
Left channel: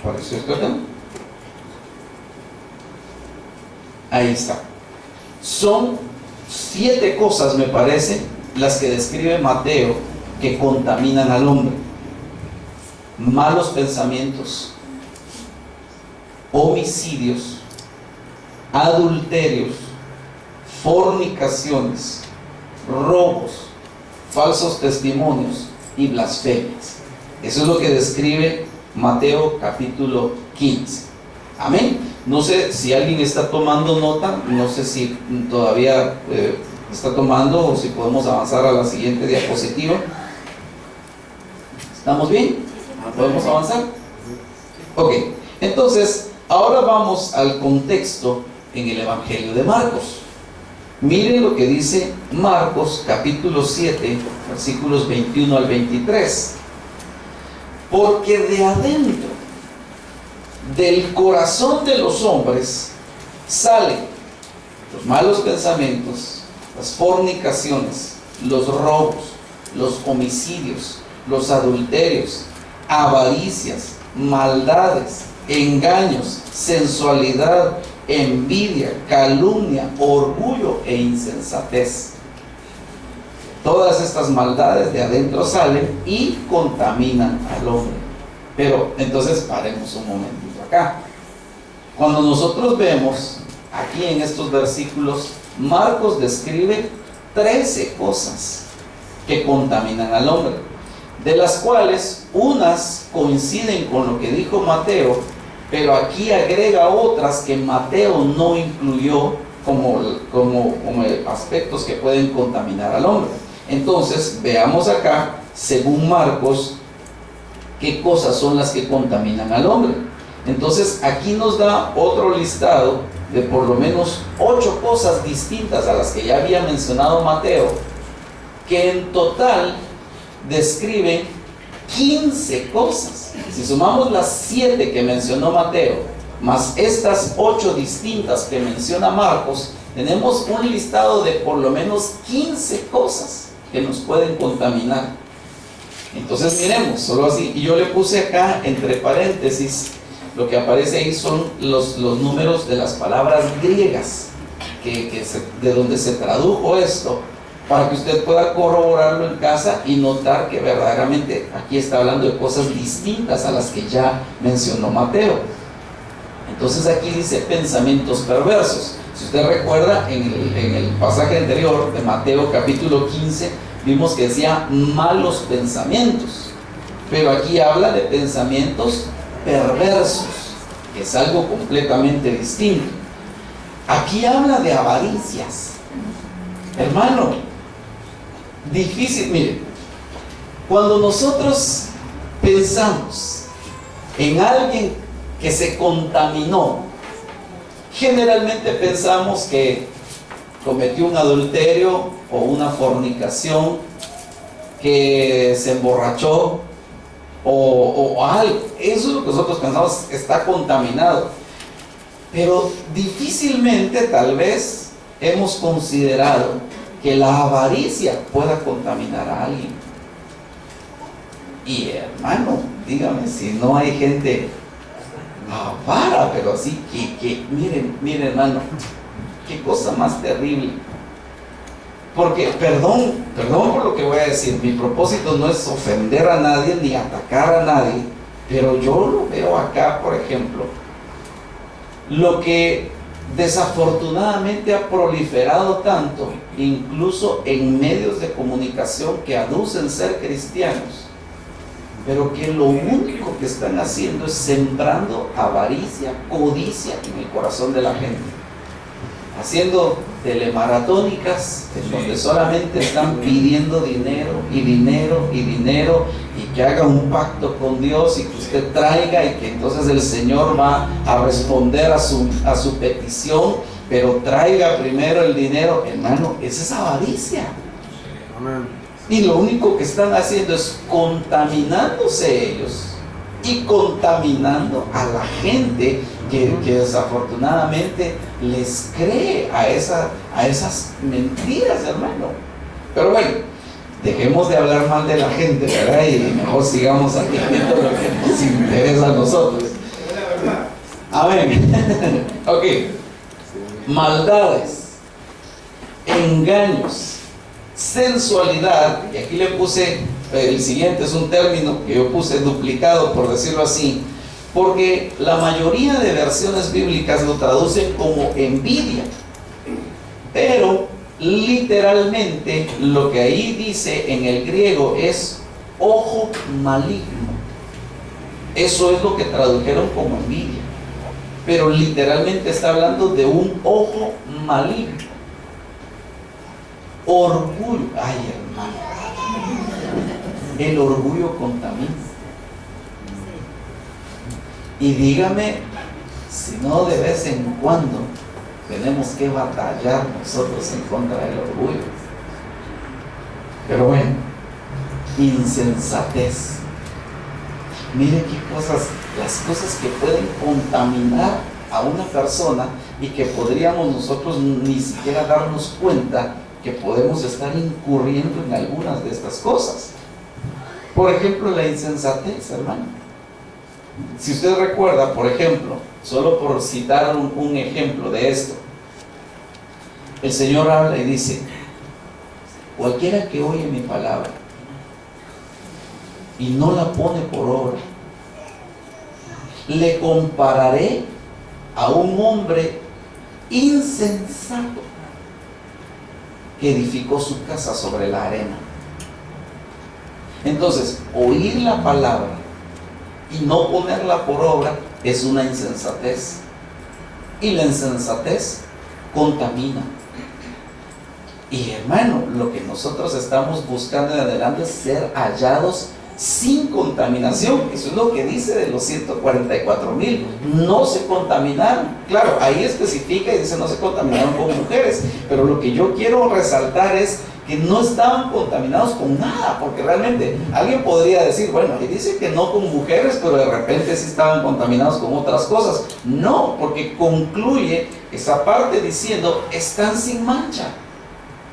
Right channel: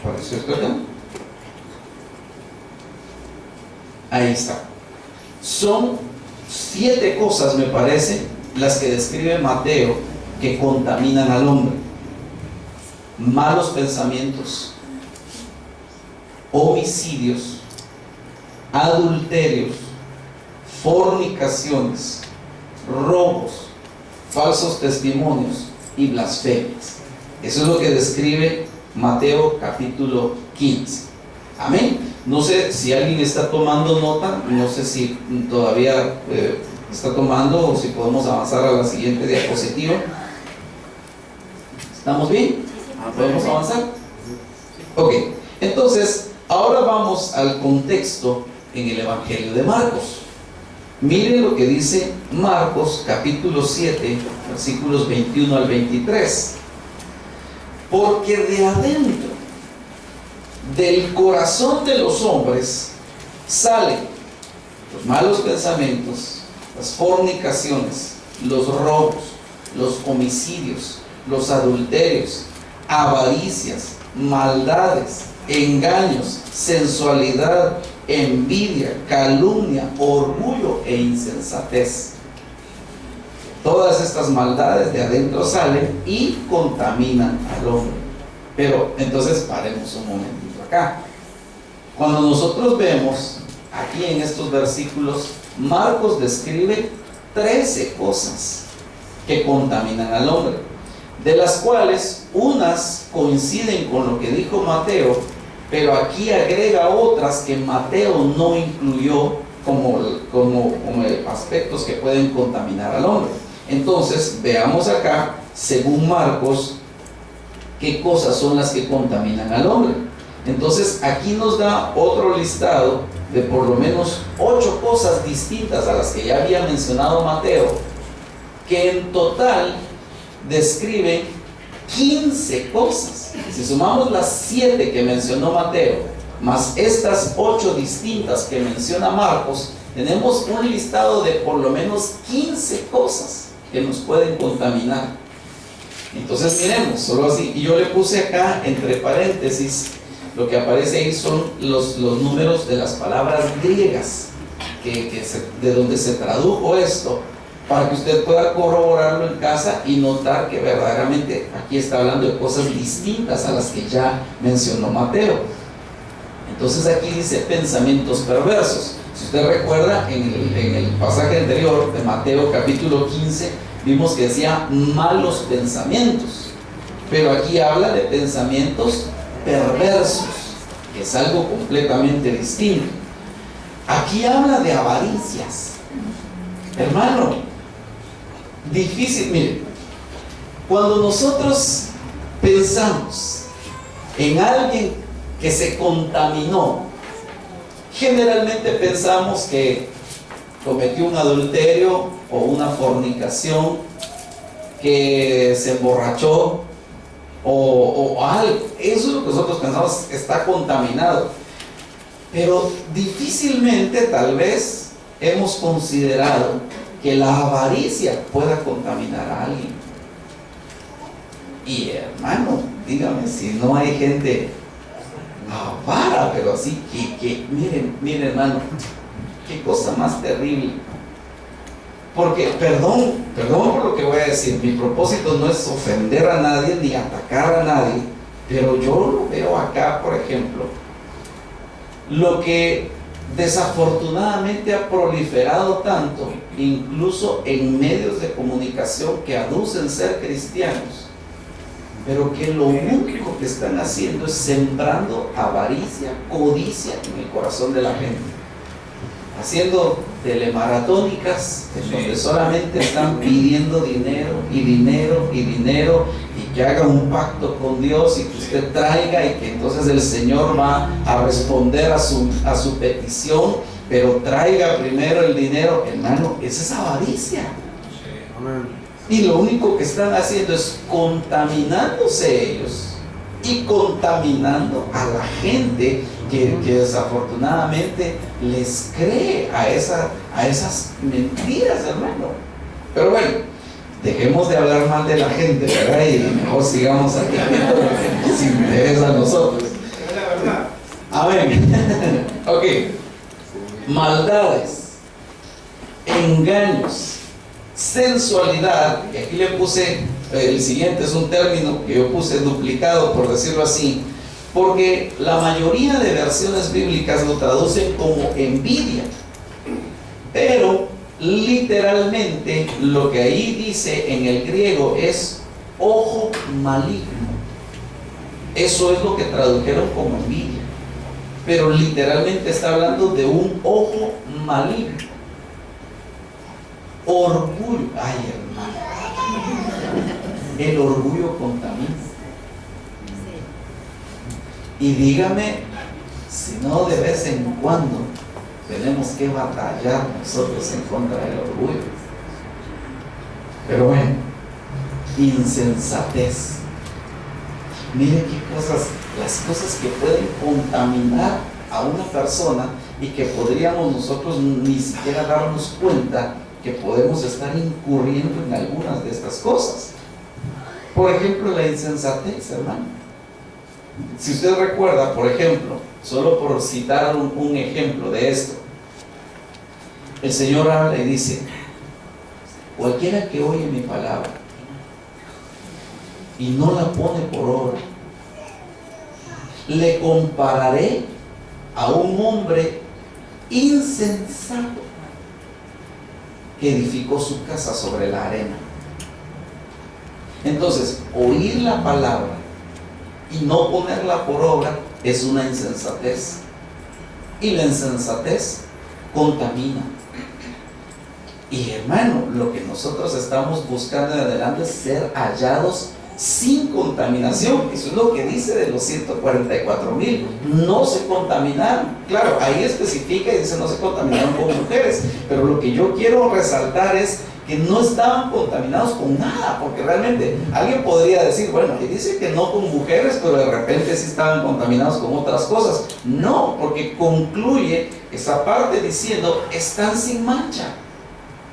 apareció esto acá. Ahí está. Son 7 cosas, me parece, las que describe Mateo que contaminan al hombre: malos pensamientos, homicidios, adulterios, fornicaciones, robos, falsos testimonios y blasfemias. Eso es lo que describe Mateo capítulo 15. Amén. No sé si alguien está tomando nota, no sé si todavía está tomando o si podemos avanzar a la siguiente diapositiva. ¿Estamos bien? ¿Podemos avanzar? Ok, entonces ahora vamos al contexto en el Evangelio de Marcos. Miren lo que dice Marcos capítulo 7, versículos 21 al 23. Porque de adentro del corazón de los hombres salen los malos pensamientos, las fornicaciones, los robos, los homicidios, los adulterios, avaricias, maldades, engaños, sensualidad, envidia, calumnia, orgullo e insensatez. Todas estas maldades de adentro salen y contaminan al hombre. Pero entonces paremos un momentito acá. Cuando nosotros vemos aquí en estos versículos, Marcos describe 13 cosas que contaminan al hombre, de las cuales unas coinciden con lo que dijo Mateo, pero aquí agrega otras que Mateo no incluyó como aspectos que pueden contaminar al hombre. Entonces veamos acá, según Marcos, qué cosas son las que contaminan al hombre. Entonces aquí nos da otro listado de por lo menos 8 cosas distintas a las que ya había mencionado Mateo, que en total describen 15 cosas. Si sumamos las 7 que mencionó Mateo más estas 8 distintas que menciona Marcos, tenemos un listado de por lo menos 15 cosas que nos pueden contaminar. Entonces miremos, solo así, y yo le puse acá entre paréntesis, lo que aparece ahí son los números de las palabras griegas de donde se tradujo esto, para que usted pueda corroborarlo en casa y notar que verdaderamente aquí está hablando de cosas distintas a las que ya mencionó Mateo. Entonces aquí dice pensamientos perversos. Si usted recuerda, en el pasaje anterior de Mateo capítulo 15, vimos que decía malos pensamientos, pero aquí habla de pensamientos perversos, que es algo completamente distinto. Aquí habla de avaricias. Hermano, difícil, mire, cuando nosotros pensamos en alguien que se contaminó, generalmente pensamos que cometió un adulterio, o una fornicación, que se emborrachó o algo. Eso es lo que nosotros pensamos está contaminado. Pero difícilmente tal vez hemos considerado que la avaricia pueda contaminar a alguien. Y hermano, dígame si no hay gente avara, pero así que miren hermano, qué cosa más terrible. Porque, perdón por lo que voy a decir, mi propósito no es ofender a nadie ni atacar a nadie, pero yo lo veo acá, por ejemplo, lo que desafortunadamente ha proliferado tanto, incluso en medios de comunicación que aducen ser cristianos, pero que lo único que están haciendo es sembrando avaricia, codicia en el corazón de la gente, haciendo telemaratónicas en donde solamente están pidiendo dinero y dinero y dinero, y que haga un pacto con Dios y que usted traiga, y que entonces el Señor va a responder a su petición, pero traiga primero el dinero. Hermano, esa es avaricia. Y lo único que están haciendo es contaminándose ellos y contaminando a la gente que desafortunadamente les cree a esas mentiras, hermano. Pero bueno, dejemos de hablar mal de la gente, ¿verdad? Y mejor sigamos aquí viendo lo que nos interesa a nosotros. Amén. Ok. Maldades, engaños, sensualidad, y aquí le puse, el siguiente es un término que yo puse duplicado, por decirlo así, porque la mayoría de versiones bíblicas lo traducen como envidia, pero literalmente lo que ahí dice en el griego es ojo maligno. Eso es lo que tradujeron como envidia, pero literalmente está hablando de un ojo maligno. Orgullo, ay hermano, el orgullo contamina. Y dígame si no de vez en cuando tenemos que batallar nosotros en contra del orgullo. Pero bueno, insensatez. Mire qué cosas, las cosas que pueden contaminar a una persona y que podríamos nosotros ni siquiera darnos cuenta que podemos estar incurriendo en algunas de estas cosas. Por ejemplo, la insensatez, hermano. Si usted recuerda, por ejemplo, solo por citar un ejemplo de esto, el Señor habla y dice: cualquiera que oye mi palabra y no la pone por obra, le compararé a un hombre insensato que edificó su casa sobre la arena. Entonces, oír la palabra y no ponerla por obra es una insensatez, y la insensatez contamina. Y hermano, lo que nosotros estamos buscando en adelante es ser hallados sin contaminación. Eso es lo que dice de los 144,000. No se contaminaron. Claro, ahí especifica y dice no se contaminaron con mujeres, pero lo que yo quiero resaltar es que no estaban contaminados con nada, porque realmente alguien podría decir, bueno, ahí dice que no con mujeres, pero de repente sí estaban contaminados con otras cosas. No, porque concluye esa parte diciendo, están sin mancha.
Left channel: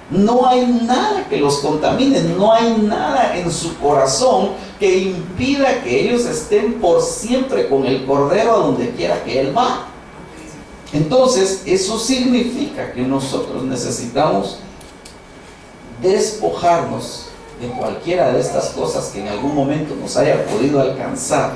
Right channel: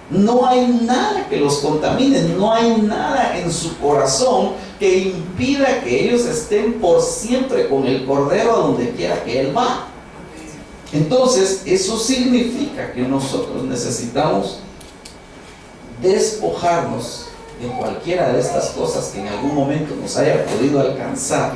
No hay nada que los contamine, no hay nada en su corazón que impida que ellos estén por siempre con el Cordero a donde quiera que Él va. Entonces, eso significa que nosotros necesitamos despojarnos de cualquiera de estas cosas que en algún momento nos haya podido alcanzar,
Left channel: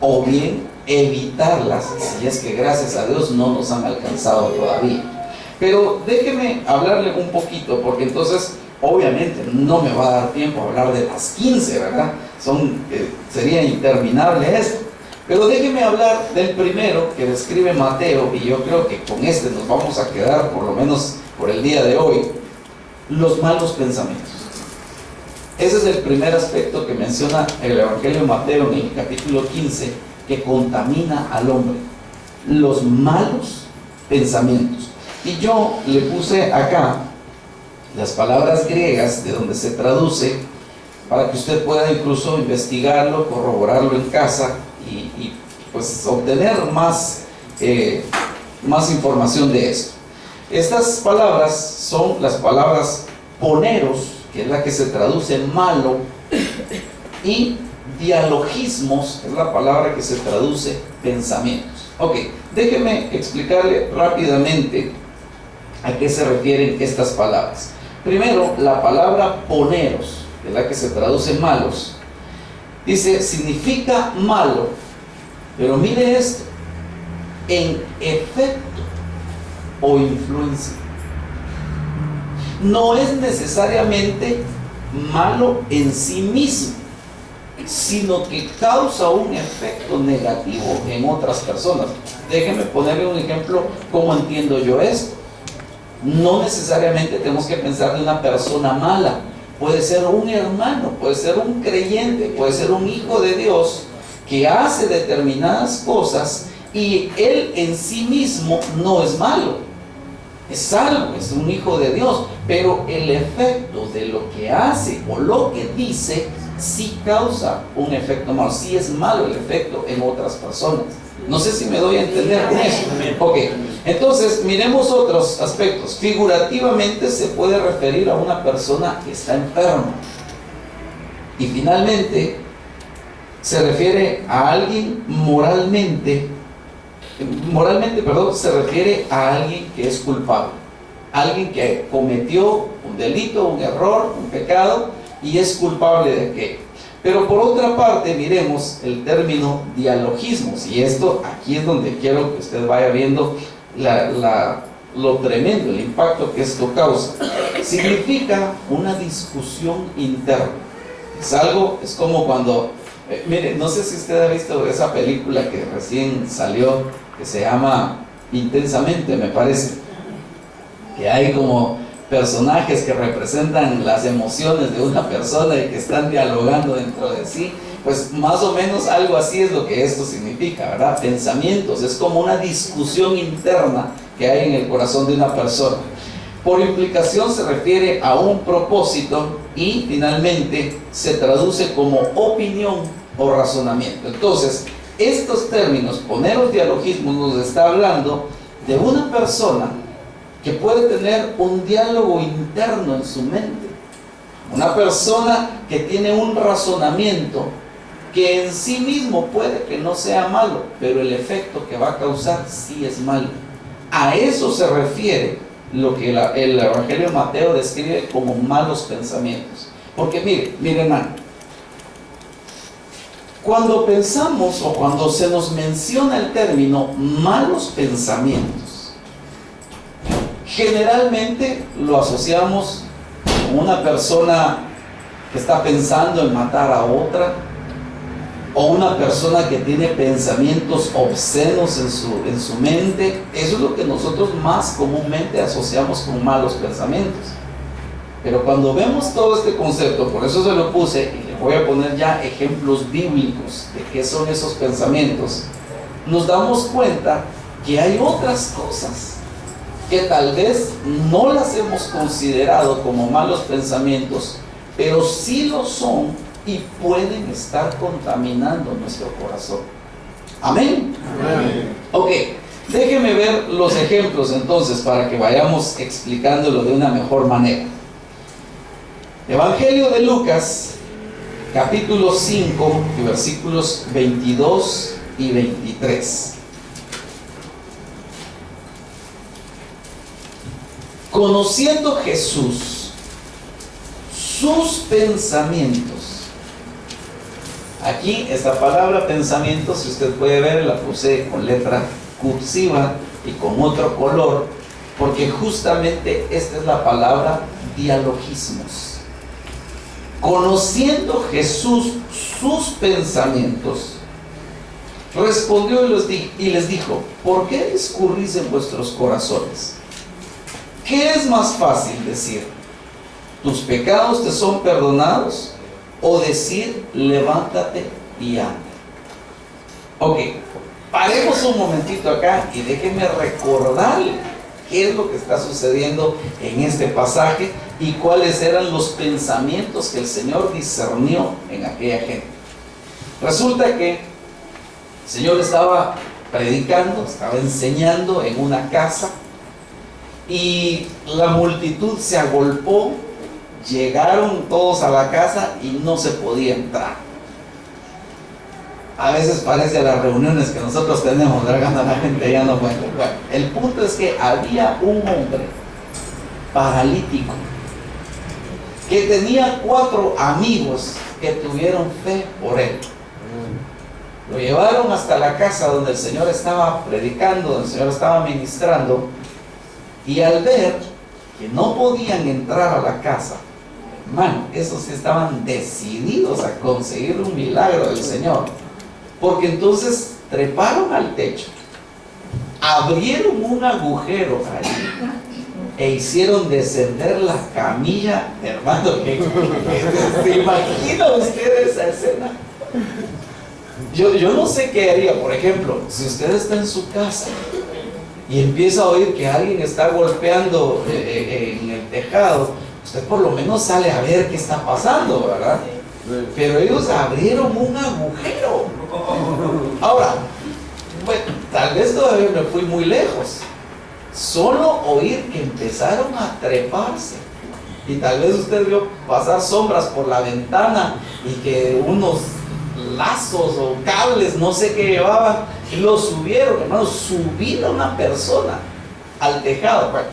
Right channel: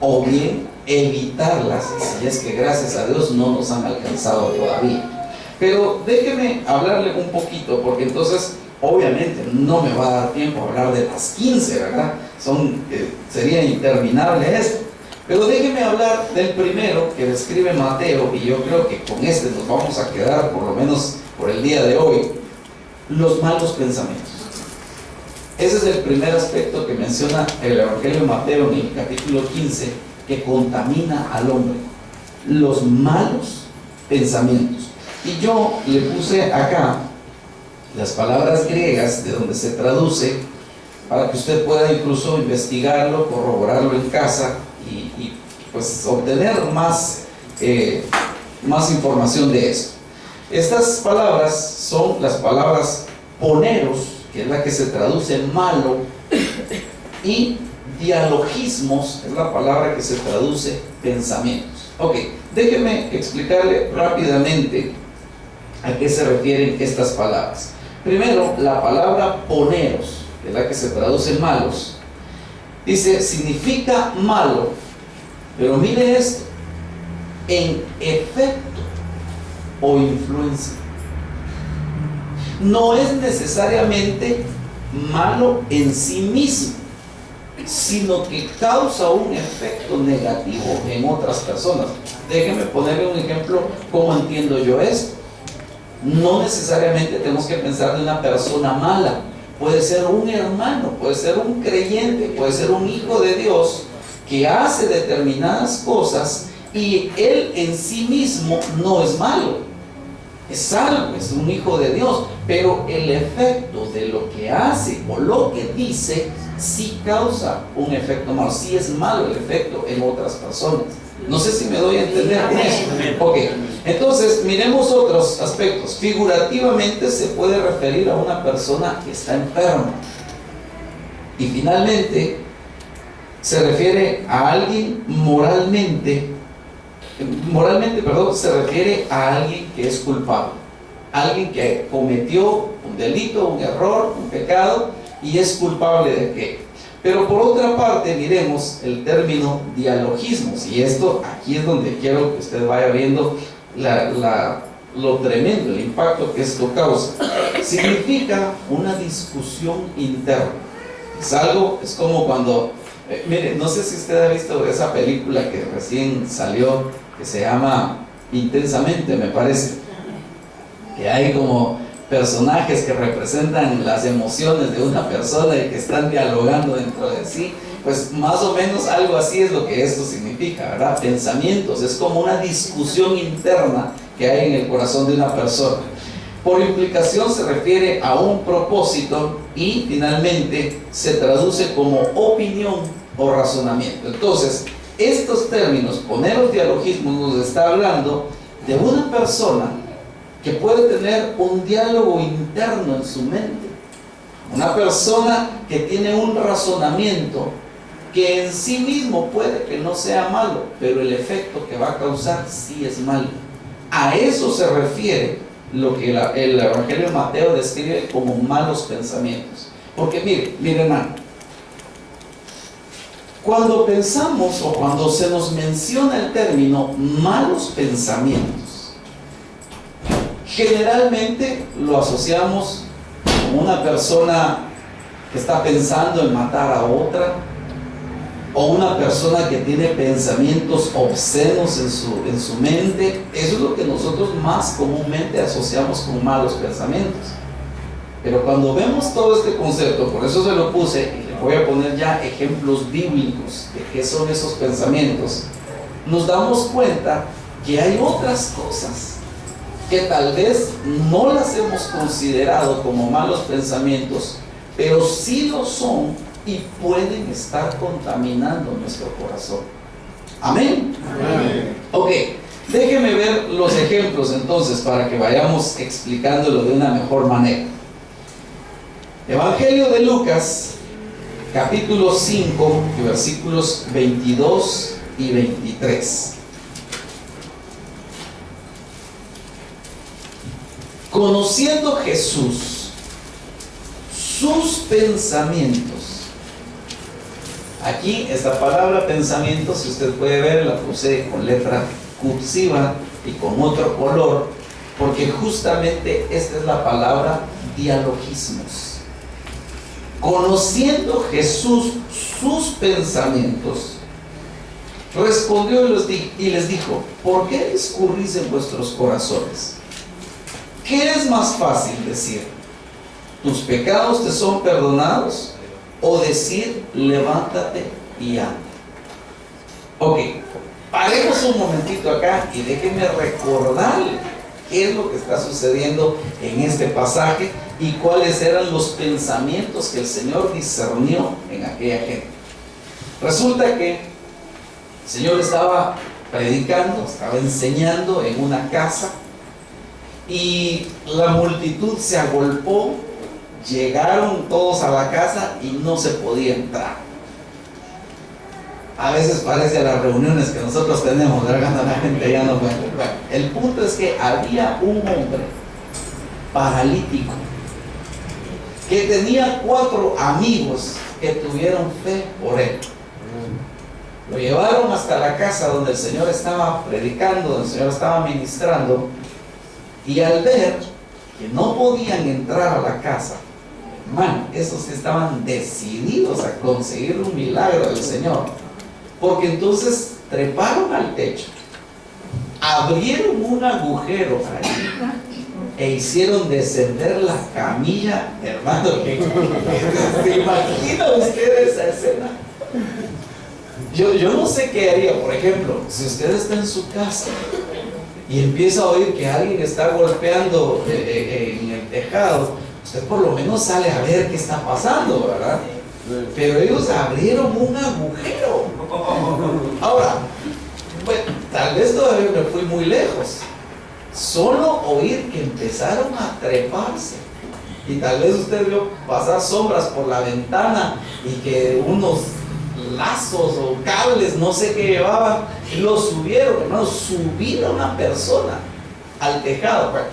o bien evitarlas si es que gracias a Dios no nos han alcanzado todavía. Pero déjeme hablarle un poquito, porque entonces obviamente no me va a dar tiempo a hablar de las 15, ¿verdad? Sería interminable esto. Pero déjeme hablar del primero que describe Mateo, y yo creo que con este nos vamos a quedar por lo menos por el día de hoy: los malos pensamientos. Ese es el primer aspecto que menciona el Evangelio de Mateo en el capítulo 15, que contamina al hombre: los malos pensamientos. Y yo le puse acá las palabras griegas de donde se traduce, para que usted pueda incluso investigarlo, corroborarlo en casa y pues obtener más información de esto. Estas palabras son las palabras poneros, que es la que se traduce malo, y dialogismos, es la palabra que se traduce pensamientos. Ok, déjeme explicarle rápidamente a qué se refieren estas palabras. Primero, la palabra poneros, que es la que se traduce malos, dice, significa malo, pero mire esto, en efecto o influencia. No es necesariamente malo en sí mismo, sino que causa un efecto negativo en otras personas. Déjenme ponerle un ejemplo, ¿cómo entiendo yo esto? No necesariamente tenemos que pensar de una persona mala. Puede ser un hermano, puede ser un creyente, puede ser un hijo de Dios que hace determinadas cosas y él en sí mismo no es malo, es salvo, es un hijo de Dios, pero el efecto de lo que hace o lo que dice sí causa un efecto malo, sí es malo el efecto en otras personas. No sé si me doy a entender con eso. Ok, entonces miremos otros aspectos. Figurativamente se puede referir a una persona que está enferma. Y finalmente se refiere a alguien moralmente, se refiere a alguien que es culpable. Alguien que cometió un delito, un error, un pecado y es culpable de aquello. Pero por otra parte, miremos el término dialogismos, y esto aquí es donde quiero que usted vaya viendo lo tremendo, el impacto que esto causa. Significa una discusión interna. Es como cuando, mire, no sé si usted ha visto esa película que recién salió, que se llama Intensamente, me parece, que hay como personajes que representan las emociones de una persona y que están dialogando dentro de sí. Pues más o menos algo así es lo que esto significa, ¿verdad? Pensamientos, es como una discusión interna que hay en el corazón de una persona. Por implicación se refiere a un propósito y finalmente se traduce como opinión o razonamiento. Entonces, estos términos, poneros dialogismos, nos está hablando de una persona que puede tener un diálogo interno en su mente, una persona que tiene un razonamiento que en sí mismo puede que no sea malo, pero el efecto que va a causar sí es malo. A eso se refiere lo que el Evangelio de Mateo describe como malos pensamientos. Porque mire hermano, cuando pensamos o cuando se nos menciona el término malos pensamientos, generalmente lo asociamos con una persona que está pensando en matar a otra, o una persona que tiene pensamientos obscenos en su mente. Eso es lo que nosotros más comúnmente asociamos con malos pensamientos. Pero cuando vemos todo este concepto, por eso se lo puse y le voy a poner ya ejemplos bíblicos de qué son esos pensamientos, nos damos cuenta que hay otras cosas que tal vez no las hemos considerado como malos pensamientos, pero sí lo son y pueden estar contaminando nuestro corazón. Amén. Amén. Ok, déjeme ver los ejemplos entonces para que vayamos explicándolo de una mejor manera. Evangelio de Lucas, capítulo 5, versículos 22 y 23. Conociendo Jesús sus pensamientos. Aquí esta palabra pensamientos, si usted puede ver, la puse con letra cursiva y con otro color, porque justamente esta es la palabra dialogismos. Conociendo Jesús sus pensamientos, respondió y les dijo: ¿por qué discurrís en vuestros corazones? ¿Qué es más fácil decir: tus pecados te son perdonados? O decir: levántate y anda. Ok, paremos un momentito acá y déjenme recordarle qué es lo que está sucediendo en este pasaje y cuáles eran los pensamientos que el Señor discernió en aquella gente. Resulta que el Señor estaba predicando, estaba enseñando en una casa y la multitud se agolpó, llegaron todos a la casa y no se podía entrar. A veces parece a las reuniones que nosotros tenemos, cuando la gente ya no puede. Bueno, el punto es que había un hombre paralítico que tenía 4 amigos que tuvieron fe por él. Lo llevaron hasta la casa donde el Señor estaba predicando, donde el Señor estaba ministrando, y al ver que no podían entrar a la casa, hermano, esos sí estaban decididos a conseguir un milagro del Señor, porque entonces treparon al techo, abrieron un agujero ahí e hicieron descender la camilla, hermano. ¿Se imagina usted esa escena? Yo no sé qué haría, por ejemplo, si usted está en su casa y empieza a oír que alguien está golpeando en el tejado, usted por lo menos sale a ver qué está pasando, ¿verdad? Pero ellos abrieron un agujero. Ahora, bueno, tal vez todavía me fui muy lejos. Solo oír que empezaron a treparse. Y tal vez usted vio pasar sombras por la ventana y que unos lazos o cables, no sé qué llevaban, y lo subieron, hermano, subir a una persona al tejado. Bueno,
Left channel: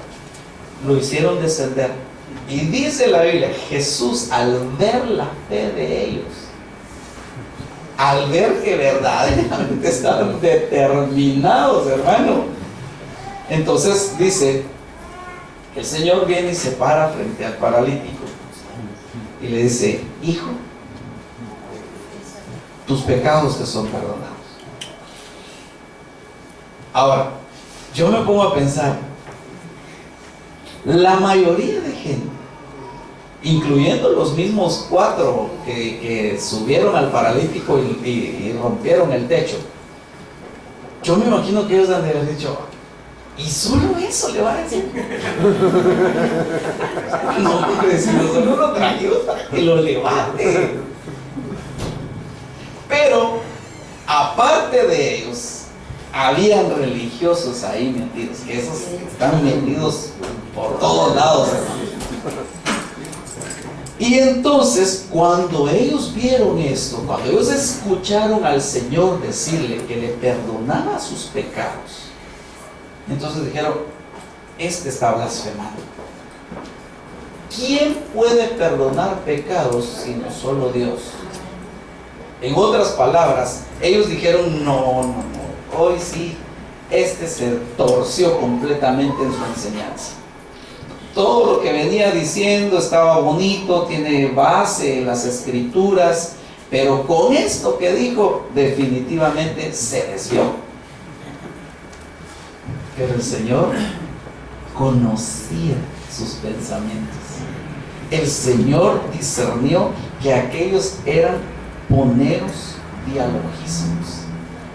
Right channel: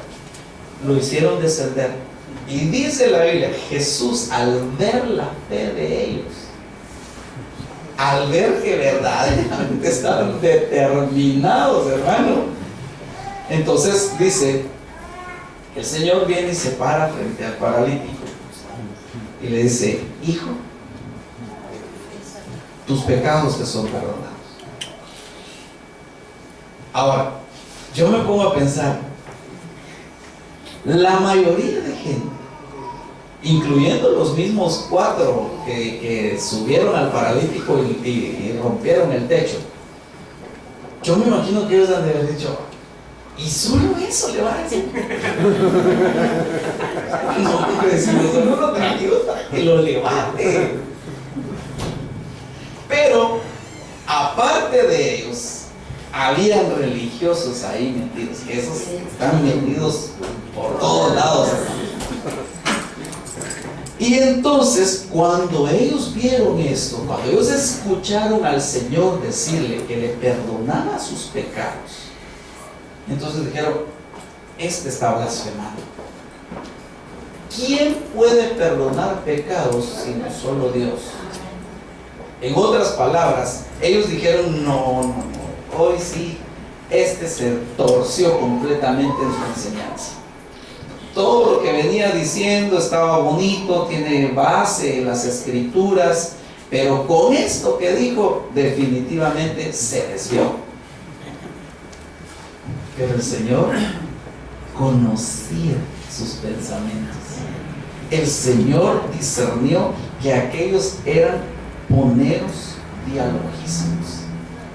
lo hicieron descender. Y dice la Biblia, Jesús, al ver la fe de ellos, al ver que verdaderamente estaban determinados, hermano, entonces dice, el Señor viene y se para frente al paralítico y le dice: hijo, tus pecados te son perdonados. Ahora, yo me pongo a pensar, la mayoría de gente, incluyendo los mismos 4 que subieron al paralítico y rompieron el techo, yo me imagino que ellos han de haber dicho: ¿y solo eso le va a decir? No, porque si nosotros lo trajimos para que lo levante. Pero, aparte de ellos, habían religiosos ahí metidos, que esos están metidos por todos lados. Y entonces, cuando ellos vieron esto, cuando ellos escucharon al Señor decirle que le perdonaba sus pecados, entonces dijeron: este está blasfemando. ¿Quién puede perdonar pecados sino solo Dios? En otras palabras, ellos dijeron: no, hoy sí, este se torció completamente en su enseñanza. Todo lo que venía diciendo estaba bonito, tiene base en las escrituras, pero con esto que dijo, definitivamente se desvió. Pero el Señor conocía sus pensamientos. El Señor discernió que aquellos eran poneros dialogismos,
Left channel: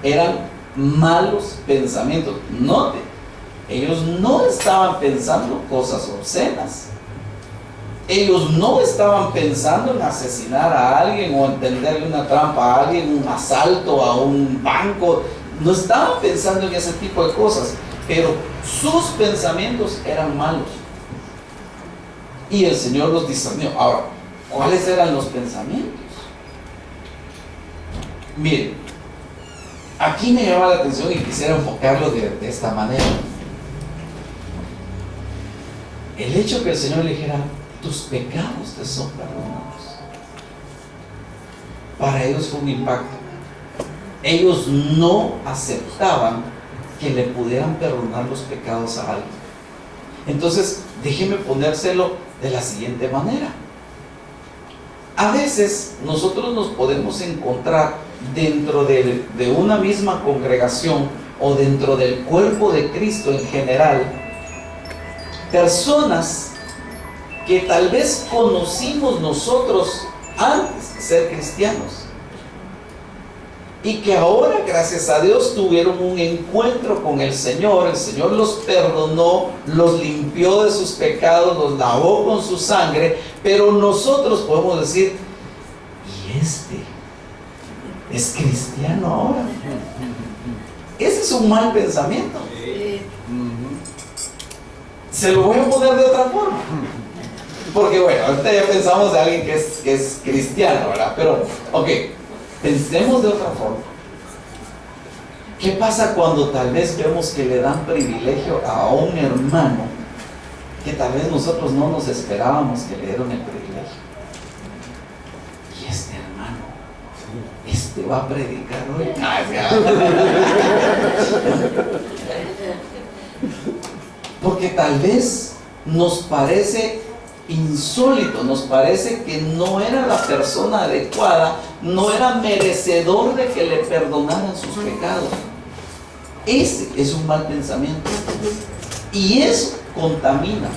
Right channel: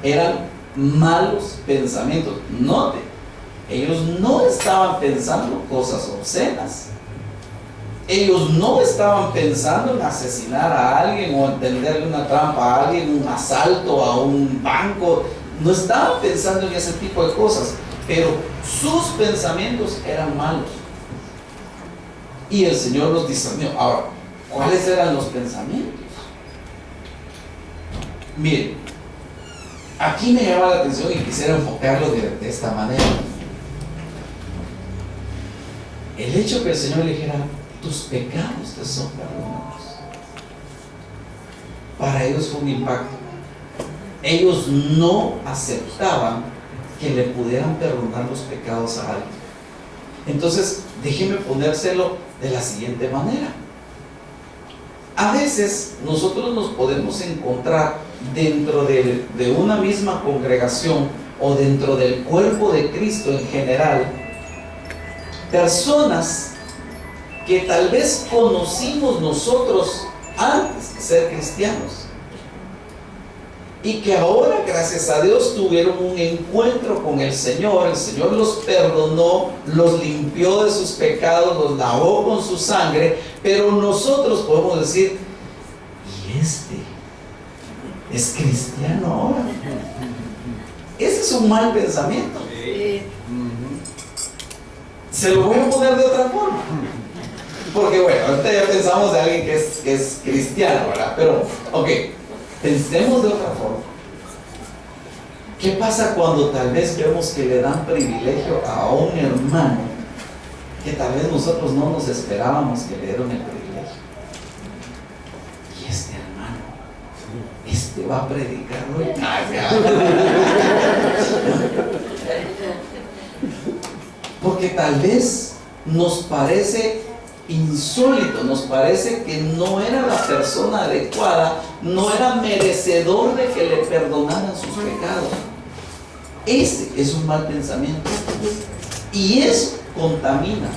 eran malos pensamientos. Note, ellos no estaban pensando cosas obscenas, ellos no estaban pensando en asesinar a alguien o en tenderle una trampa a alguien, un asalto a un banco. No estaban pensando en ese tipo de cosas, pero sus pensamientos eran malos y el Señor los discernió. Ahora, ¿cuáles eran los pensamientos? Miren, aquí me llama la atención y quisiera enfocarlo de esta manera. El hecho que el Señor le dijera: tus pecados te son perdonados, para ellos fue un impacto. Ellos no aceptaban que le pudieran perdonar los pecados a alguien. Entonces, déjeme ponérselo de la siguiente manera. A veces nosotros nos podemos encontrar dentro de una misma congregación o dentro del cuerpo de Cristo en general, personas que tal vez conocimos nosotros antes de ser cristianos, y que ahora, gracias a Dios, tuvieron un encuentro con el Señor los perdonó, los limpió de sus pecados, los lavó con su sangre, pero nosotros podemos decir, ¿y este es cristiano ahora? Ese es un mal pensamiento. Se lo voy a poner de otra forma. Porque bueno, ahorita ya pensamos de alguien que es cristiano, ¿verdad? Pero, ok, pensemos de otra forma. ¿Qué pasa cuando tal vez vemos que le dan privilegio a un hermano que tal vez nosotros no nos esperábamos que le dieran el privilegio? Y este hermano, este va a predicar hoy. Porque tal vez nos parece insólito, nos parece que no era la persona adecuada, no era merecedor de que le perdonaran sus pecados. Ese es un mal pensamiento y eso contamina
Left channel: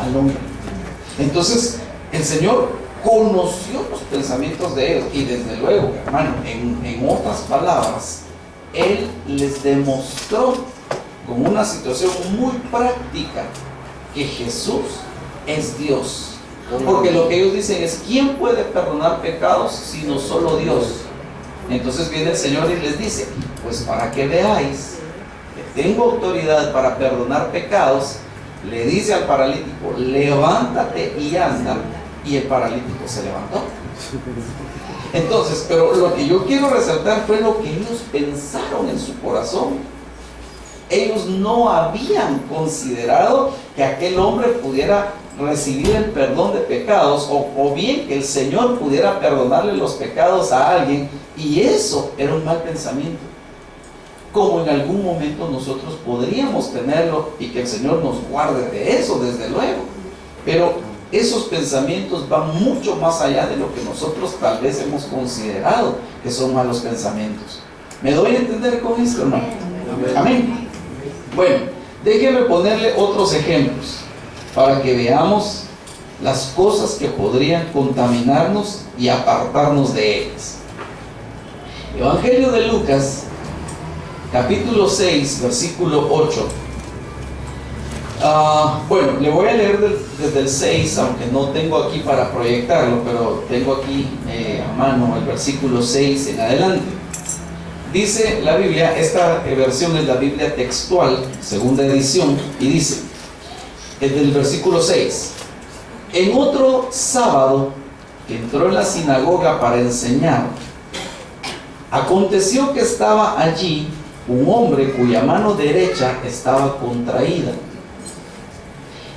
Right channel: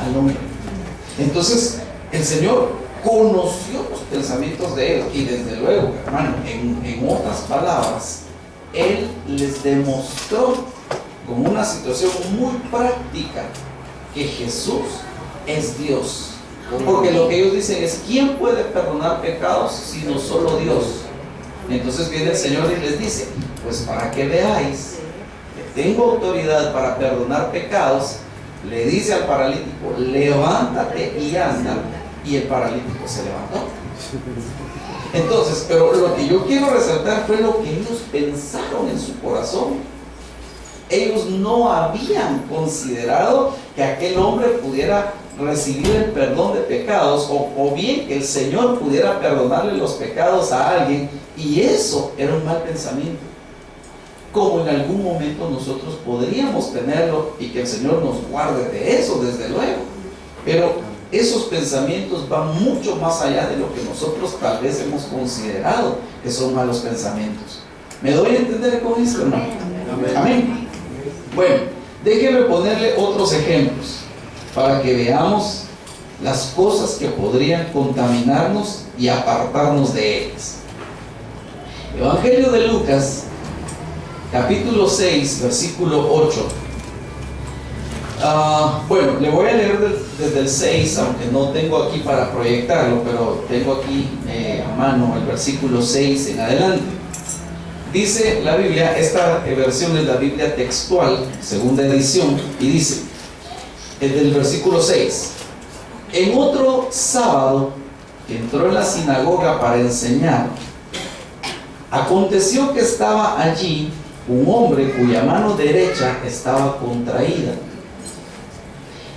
al hombre. Entonces el Señor conoció los pensamientos de ellos y desde luego, hermano, en otras palabras, Él les demostró con una situación muy práctica que Jesús es Dios. Porque lo que ellos dicen es, ¿quién puede perdonar pecados sino solo Dios? Entonces viene el Señor y les dice, pues para que veáis que tengo autoridad para perdonar pecados, le dice al paralítico, levántate y anda, y el paralítico se levantó. Entonces, pero lo que yo quiero resaltar fue lo que ellos pensaron en su corazón. Ellos no habían considerado que aquel hombre pudiera recibir el perdón de pecados o bien que el Señor pudiera perdonarle los pecados a alguien, y eso era un mal pensamiento, como en algún momento nosotros podríamos tenerlo, y que el Señor nos guarde de eso, desde luego. Pero esos pensamientos van mucho más allá de lo que nosotros tal vez hemos considerado que son malos pensamientos. ¿Me doy a entender con esto, hermano? Amén. Bueno, déjenme ponerle otros ejemplos para que veamos las cosas que podrían contaminarnos y apartarnos de ellas. Evangelio de Lucas, capítulo 6, versículo 8. Bueno, le voy a leer desde el 6, aunque no tengo aquí para proyectarlo, pero tengo aquí a mano el versículo 6 en adelante. Dice la Biblia, esta versión es la Biblia textual, segunda edición, y dice, desde el versículo 6, en otro sábado que entró en la sinagoga para enseñar, aconteció que estaba allí un hombre cuya mano derecha estaba contraída.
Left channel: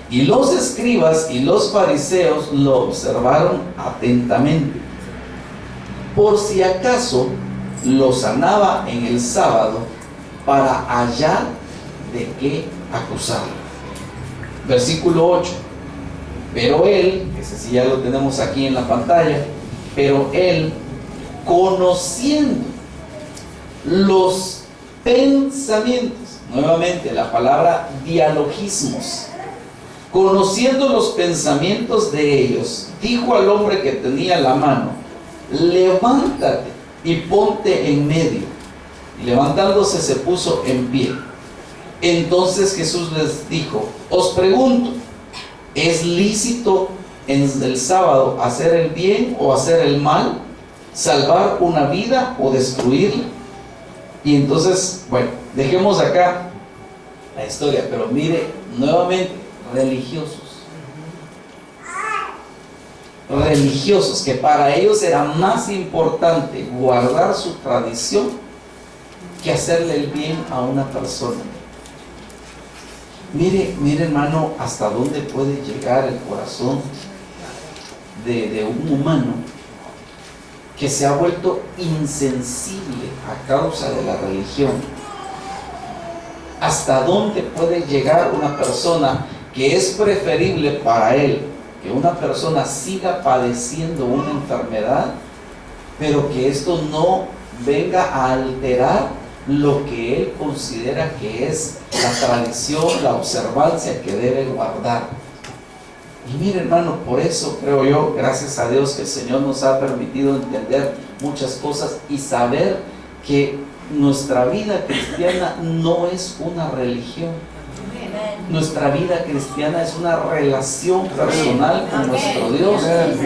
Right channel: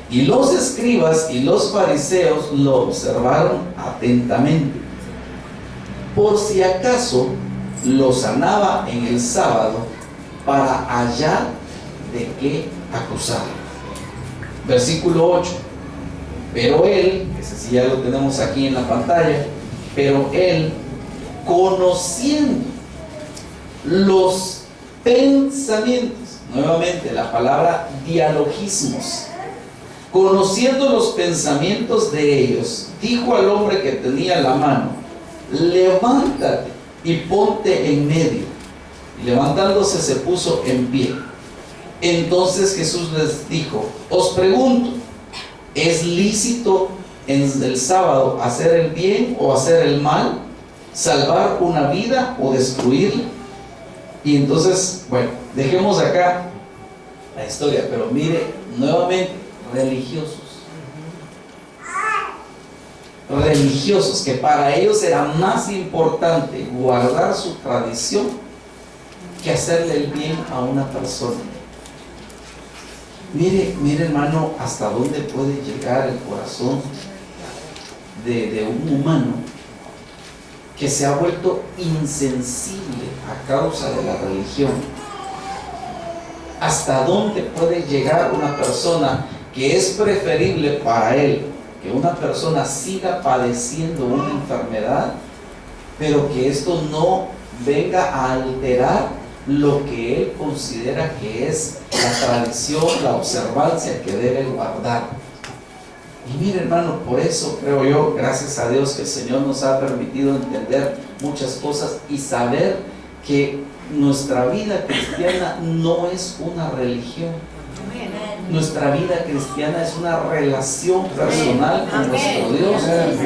Y los escribas y los fariseos lo observaron atentamente, por si acaso lo sanaba en el sábado para hallar de qué acusarlo. Versículo 8. Pero él, ese sí ya lo tenemos aquí en la pantalla, pero él, conociendo los pensamientos, nuevamente la palabra dialogismos, conociendo los pensamientos de ellos, dijo al hombre que tenía la mano, levántate y ponte en medio. Y levantándose se puso en pie. Entonces Jesús les dijo, os pregunto, ¿es lícito en el sábado hacer el bien o hacer el mal? ¿Salvar una vida o destruirla? Y entonces, bueno, dejemos acá la historia, pero mire, nuevamente, religiosos, que para ellos era más importante guardar su tradición que hacerle el bien a una persona. Mire hermano, hasta dónde puede llegar el corazón de un humano que se ha vuelto insensible a causa de la religión. Hasta dónde puede llegar una persona que es preferible para él que una persona siga padeciendo una enfermedad, pero que esto no venga a alterar lo que él considera que es la tradición, la observancia que debe guardar. Y mire hermano, por eso creo yo, gracias a Dios, que el Señor nos ha permitido entender muchas cosas y saber que nuestra vida cristiana no es una religión. Nuestra vida cristiana es una relación personal con nuestro Dios.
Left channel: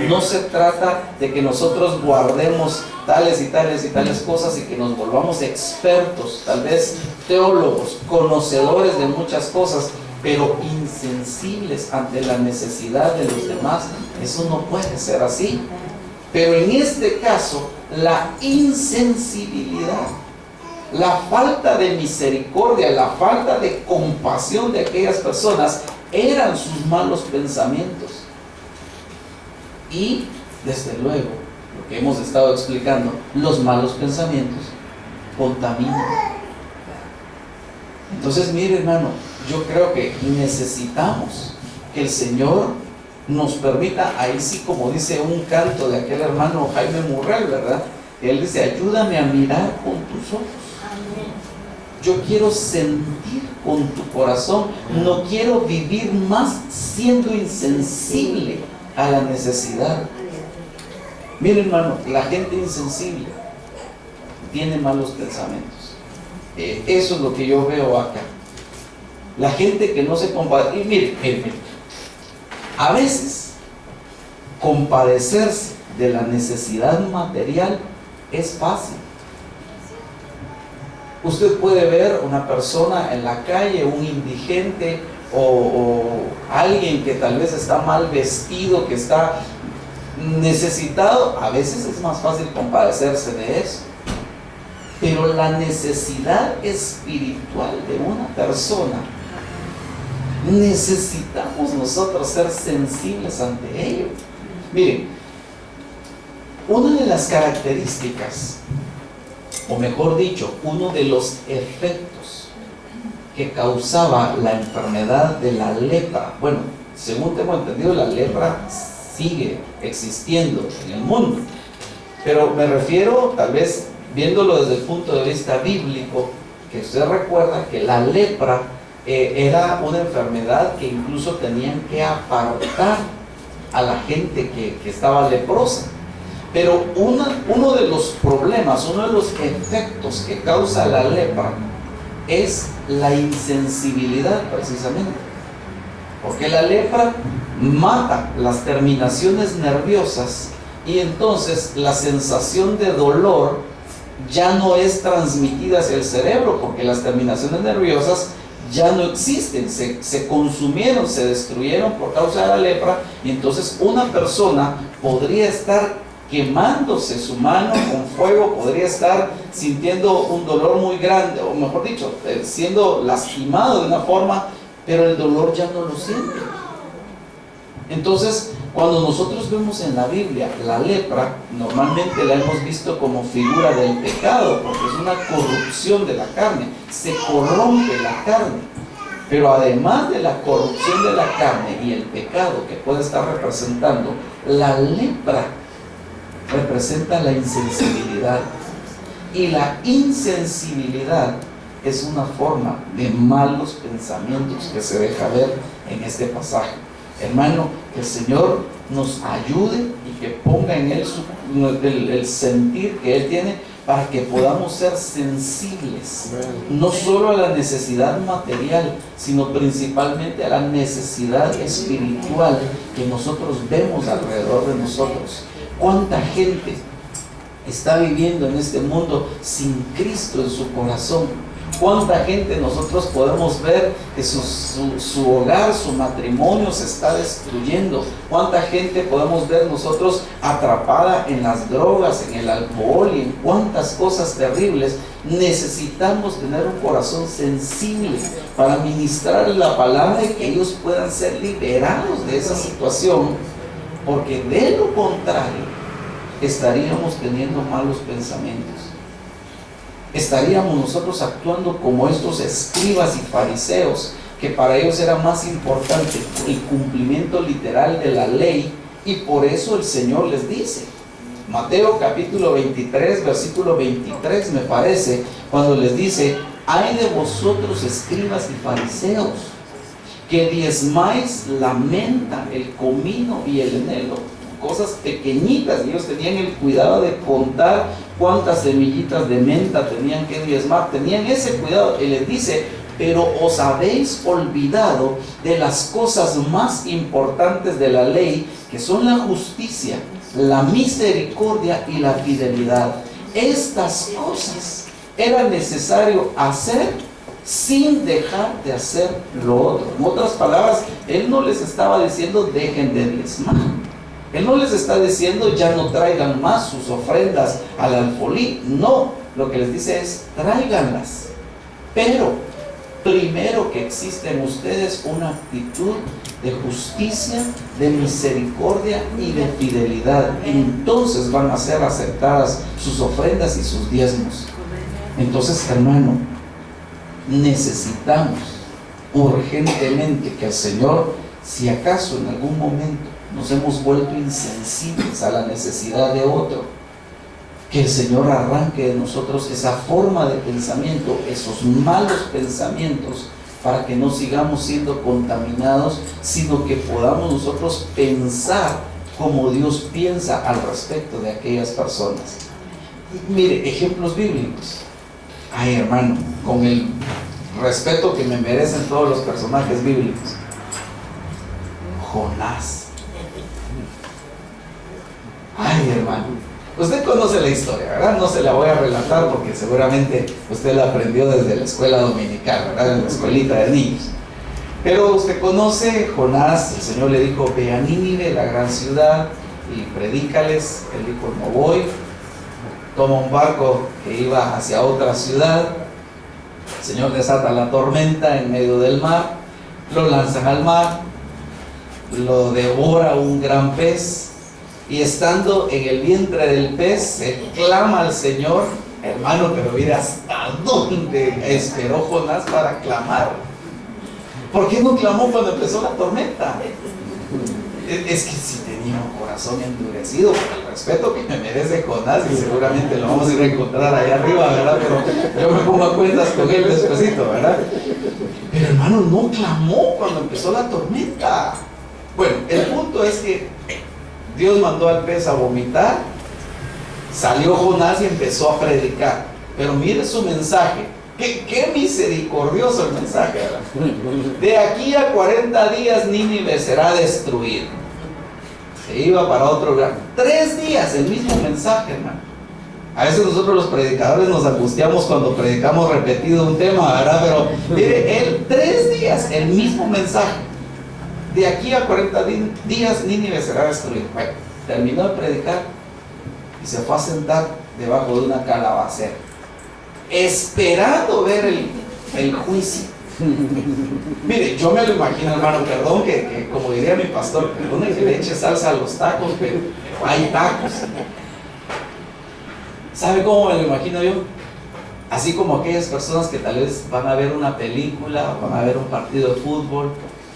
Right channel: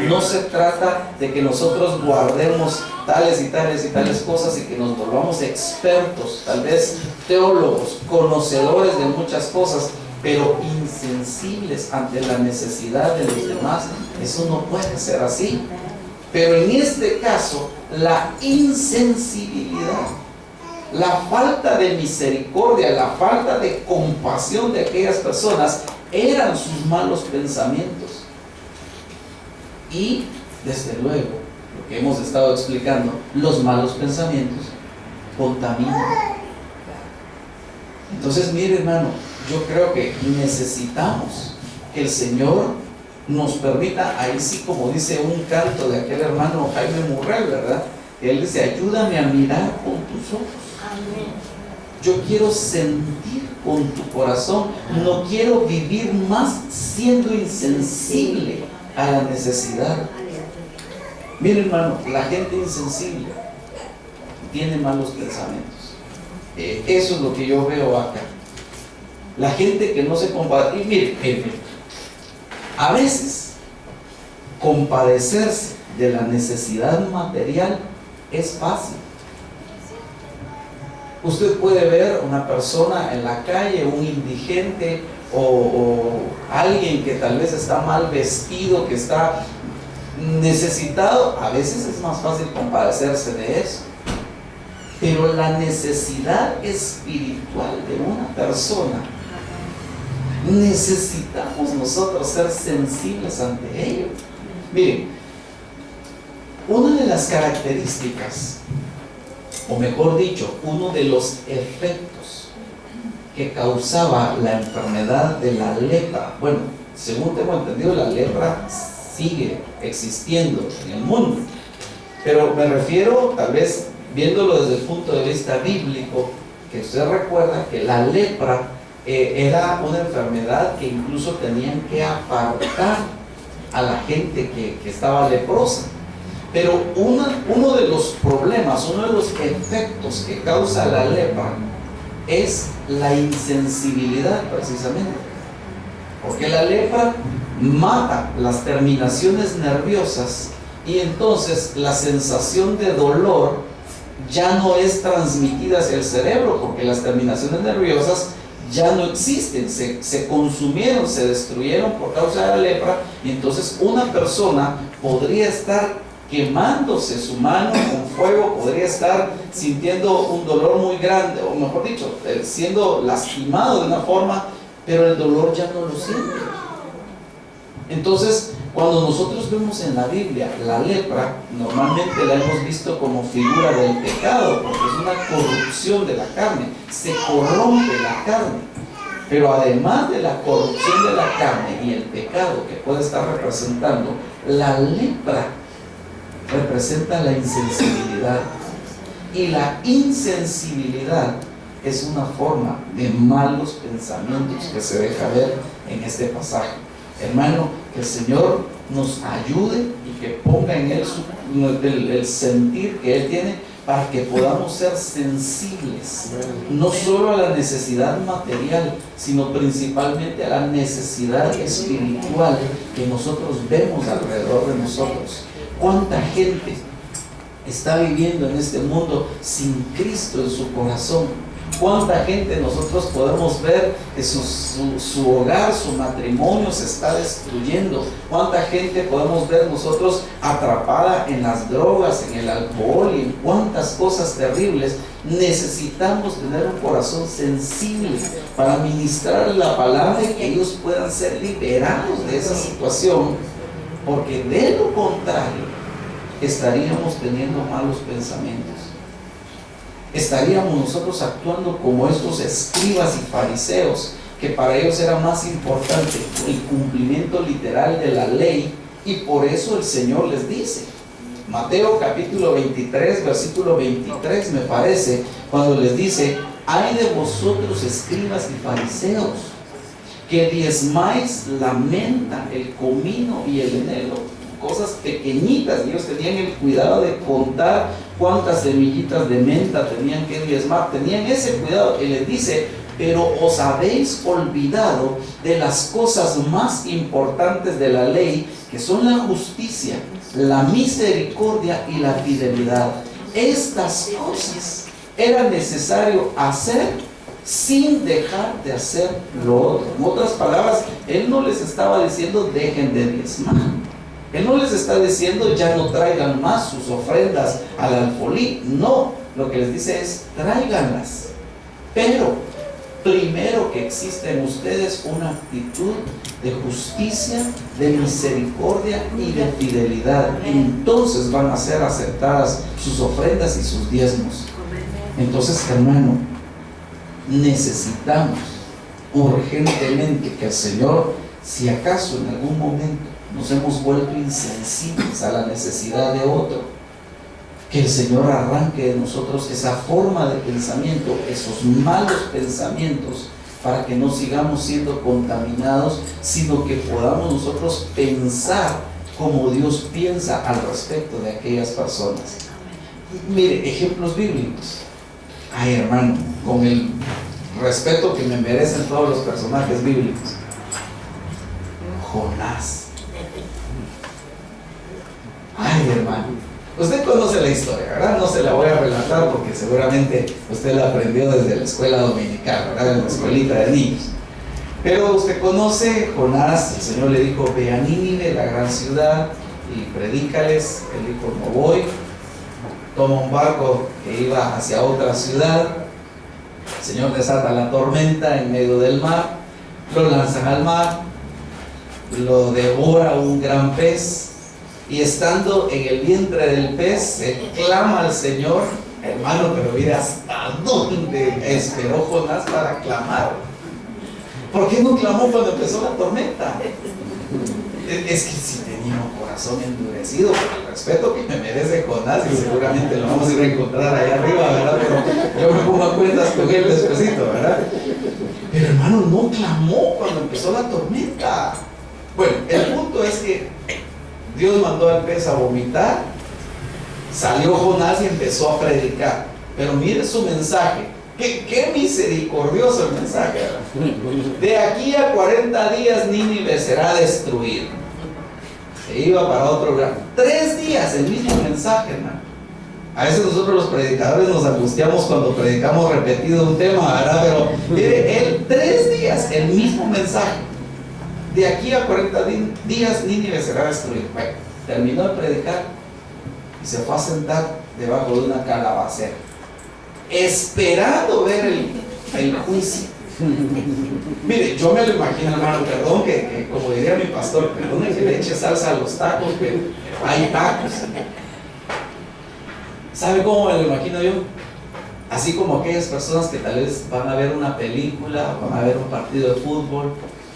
No se trata de que nosotros guardemos tales y tales y tales cosas y que nos volvamos expertos, tal vez teólogos, conocedores de muchas cosas, pero insensibles ante la necesidad de los demás. Eso no puede ser así. Pero en este caso, la insensibilidad, la falta de misericordia, la falta de compasión de aquellas personas eran sus malos pensamientos. Y desde luego, lo que hemos estado explicando, los malos pensamientos contaminan. Entonces, mire, hermano, yo creo que necesitamos que el Señor nos permita, ahí sí, como dice un canto de aquel hermano Jaime Murrell, ¿verdad? Él dice: ayúdame a mirar con tus ojos. Yo quiero sentir con tu corazón. No quiero vivir más siendo insensible a la necesidad. Mire, hermano, la gente insensible tiene malos pensamientos. Eso es lo que yo veo acá. La gente que no se compadece. Y mire, a veces compadecerse de la necesidad material es fácil. Usted puede ver una persona en la calle, un indigente o alguien que tal vez está mal vestido, que está necesitado. A veces es más fácil compadecerse de eso. Pero la necesidad espiritual de una persona, necesitamos nosotros ser sensibles ante ello. Miren, una de las características, o mejor dicho, uno de los efectos que causaba la enfermedad de la lepra, bueno, según tengo entendido, la lepra sigue existiendo en el mundo, pero me refiero, tal vez viéndolo desde el punto de vista bíblico, que usted recuerda que la lepra era una enfermedad que incluso tenían que apartar a la gente que estaba leprosa. Pero uno de los problemas, uno de los efectos que causa la lepra es la insensibilidad, precisamente. Porque la lepra mata las terminaciones nerviosas y entonces la sensación de dolor ya no es transmitida hacia el cerebro, porque las terminaciones nerviosas ya no existen, se consumieron, se destruyeron por causa de la lepra. Y entonces una persona podría estar quemándose su mano con fuego, podría estar sintiendo un dolor muy grande, o mejor dicho, siendo lastimado de una forma, pero el dolor ya no lo siente. Entonces, cuando nosotros vemos en la Biblia la lepra, normalmente la hemos visto como figura del pecado, porque es una corrupción de la carne, se corrompe la carne. Pero además de la corrupción de la carne y el pecado que puede estar representando, la lepra representa la insensibilidad. Y la insensibilidad es una forma de malos pensamientos que se deja ver en este pasaje. Hermano, que el Señor nos ayude y que ponga en Él el sentir que Él tiene, para que podamos ser sensibles, no solo a la necesidad material, sino principalmente a la necesidad espiritual que nosotros vemos alrededor de nosotros. ¿Cuánta gente está viviendo en este mundo sin Cristo en su corazón? ¿Cuánta gente nosotros podemos ver que su hogar, su matrimonio se está destruyendo? ¿Cuánta gente podemos ver nosotros atrapada en las drogas, en el alcohol y en cuántas cosas terribles? Necesitamos tener un corazón sensible para ministrar la palabra y que ellos puedan ser liberados de esa situación, porque de lo contrario estaríamos teniendo malos pensamientos. Estaríamos nosotros actuando como estos escribas y fariseos, que para ellos era más importante el cumplimiento literal de la ley, y por eso el Señor les dice, Mateo capítulo 23, versículo 23 me parece, cuando les dice: ay de vosotros, escribas y fariseos, que diezmáis la menta, el comino y el enelo, cosas pequeñitas. Ellos tenían el cuidado de contar cuántas semillitas de menta tenían que diezmar. Tenían ese cuidado. Y les dice: pero os habéis olvidado de las cosas más importantes de la ley, que son la justicia, la misericordia y la fidelidad. Estas cosas era necesario hacer sin dejar de hacer lo otro. En otras palabras, Él no les estaba diciendo dejen de diezmar. Él no les está diciendo ya no traigan más sus ofrendas al alfolí. No, lo que les dice es tráiganlas. Pero primero que existe en ustedes una actitud de justicia, de misericordia y de fidelidad. Entonces van a ser aceptadas sus ofrendas y sus diezmos. Entonces, hermano, necesitamos urgentemente que el Señor, si acaso en algún momento nos hemos vuelto insensibles a la necesidad de otro, que el Señor arranque de nosotros esa forma de pensamiento, esos malos pensamientos, para que no sigamos siendo contaminados, sino que podamos nosotros pensar como Dios piensa al respecto de aquellas personas. Mire, ejemplos bíblicos. Ay, hermano, con el respeto que me merecen todos los personajes bíblicos. Jonás. Ay, hermano, usted conoce la historia, ¿verdad? No se la voy a relatar porque seguramente usted la aprendió desde la escuela dominical, ¿verdad? En la escuelita de niños. Pero usted conoce Jonás. El Señor le dijo: ve a Nínive, la gran ciudad, y predícales. Él dijo: no voy. Toma un barco que iba hacia otra ciudad. El Señor desata la tormenta en medio del mar, lo lanzan al mar, lo devora un gran pez, y estando en el vientre del pez se clama al Señor. Hermano, pero mira hasta dónde esperó Jonás para clamar. ¿Por qué no clamó cuando empezó la tormenta? Es que si tenía un corazón endurecido, por el respeto que me merece Jonás, y seguramente lo vamos a ir a encontrar allá arriba, ¿verdad? Pero yo me pongo a cuentas con él despacito, ¿verdad? Pero hermano, no clamó cuando empezó la tormenta. Bueno, el punto es que Dios mandó al pez a vomitar, salió Jonás y empezó a predicar. Pero mire su mensaje. Qué misericordioso el mensaje, ¿verdad? De aquí a 40 días Nínive será destruido. Se iba para otro lugar. 3 días el mismo mensaje, hermano. A veces nosotros los predicadores nos angustiamos cuando predicamos repetido un tema, ¿verdad? Pero mire, él 3 días el mismo mensaje. De aquí a 40 días Nínive será destruido. Bueno, terminó de predicar y se fue a sentar debajo de una calabacera, esperando ver el juicio. Mire, yo me lo imagino, hermano, perdón que como diría mi pastor, perdone que le eche salsa a los tacos, pero hay tacos. ¿Sabe cómo me lo imagino yo? Así como aquellas personas que tal vez van a ver una película, van a ver un partido de fútbol,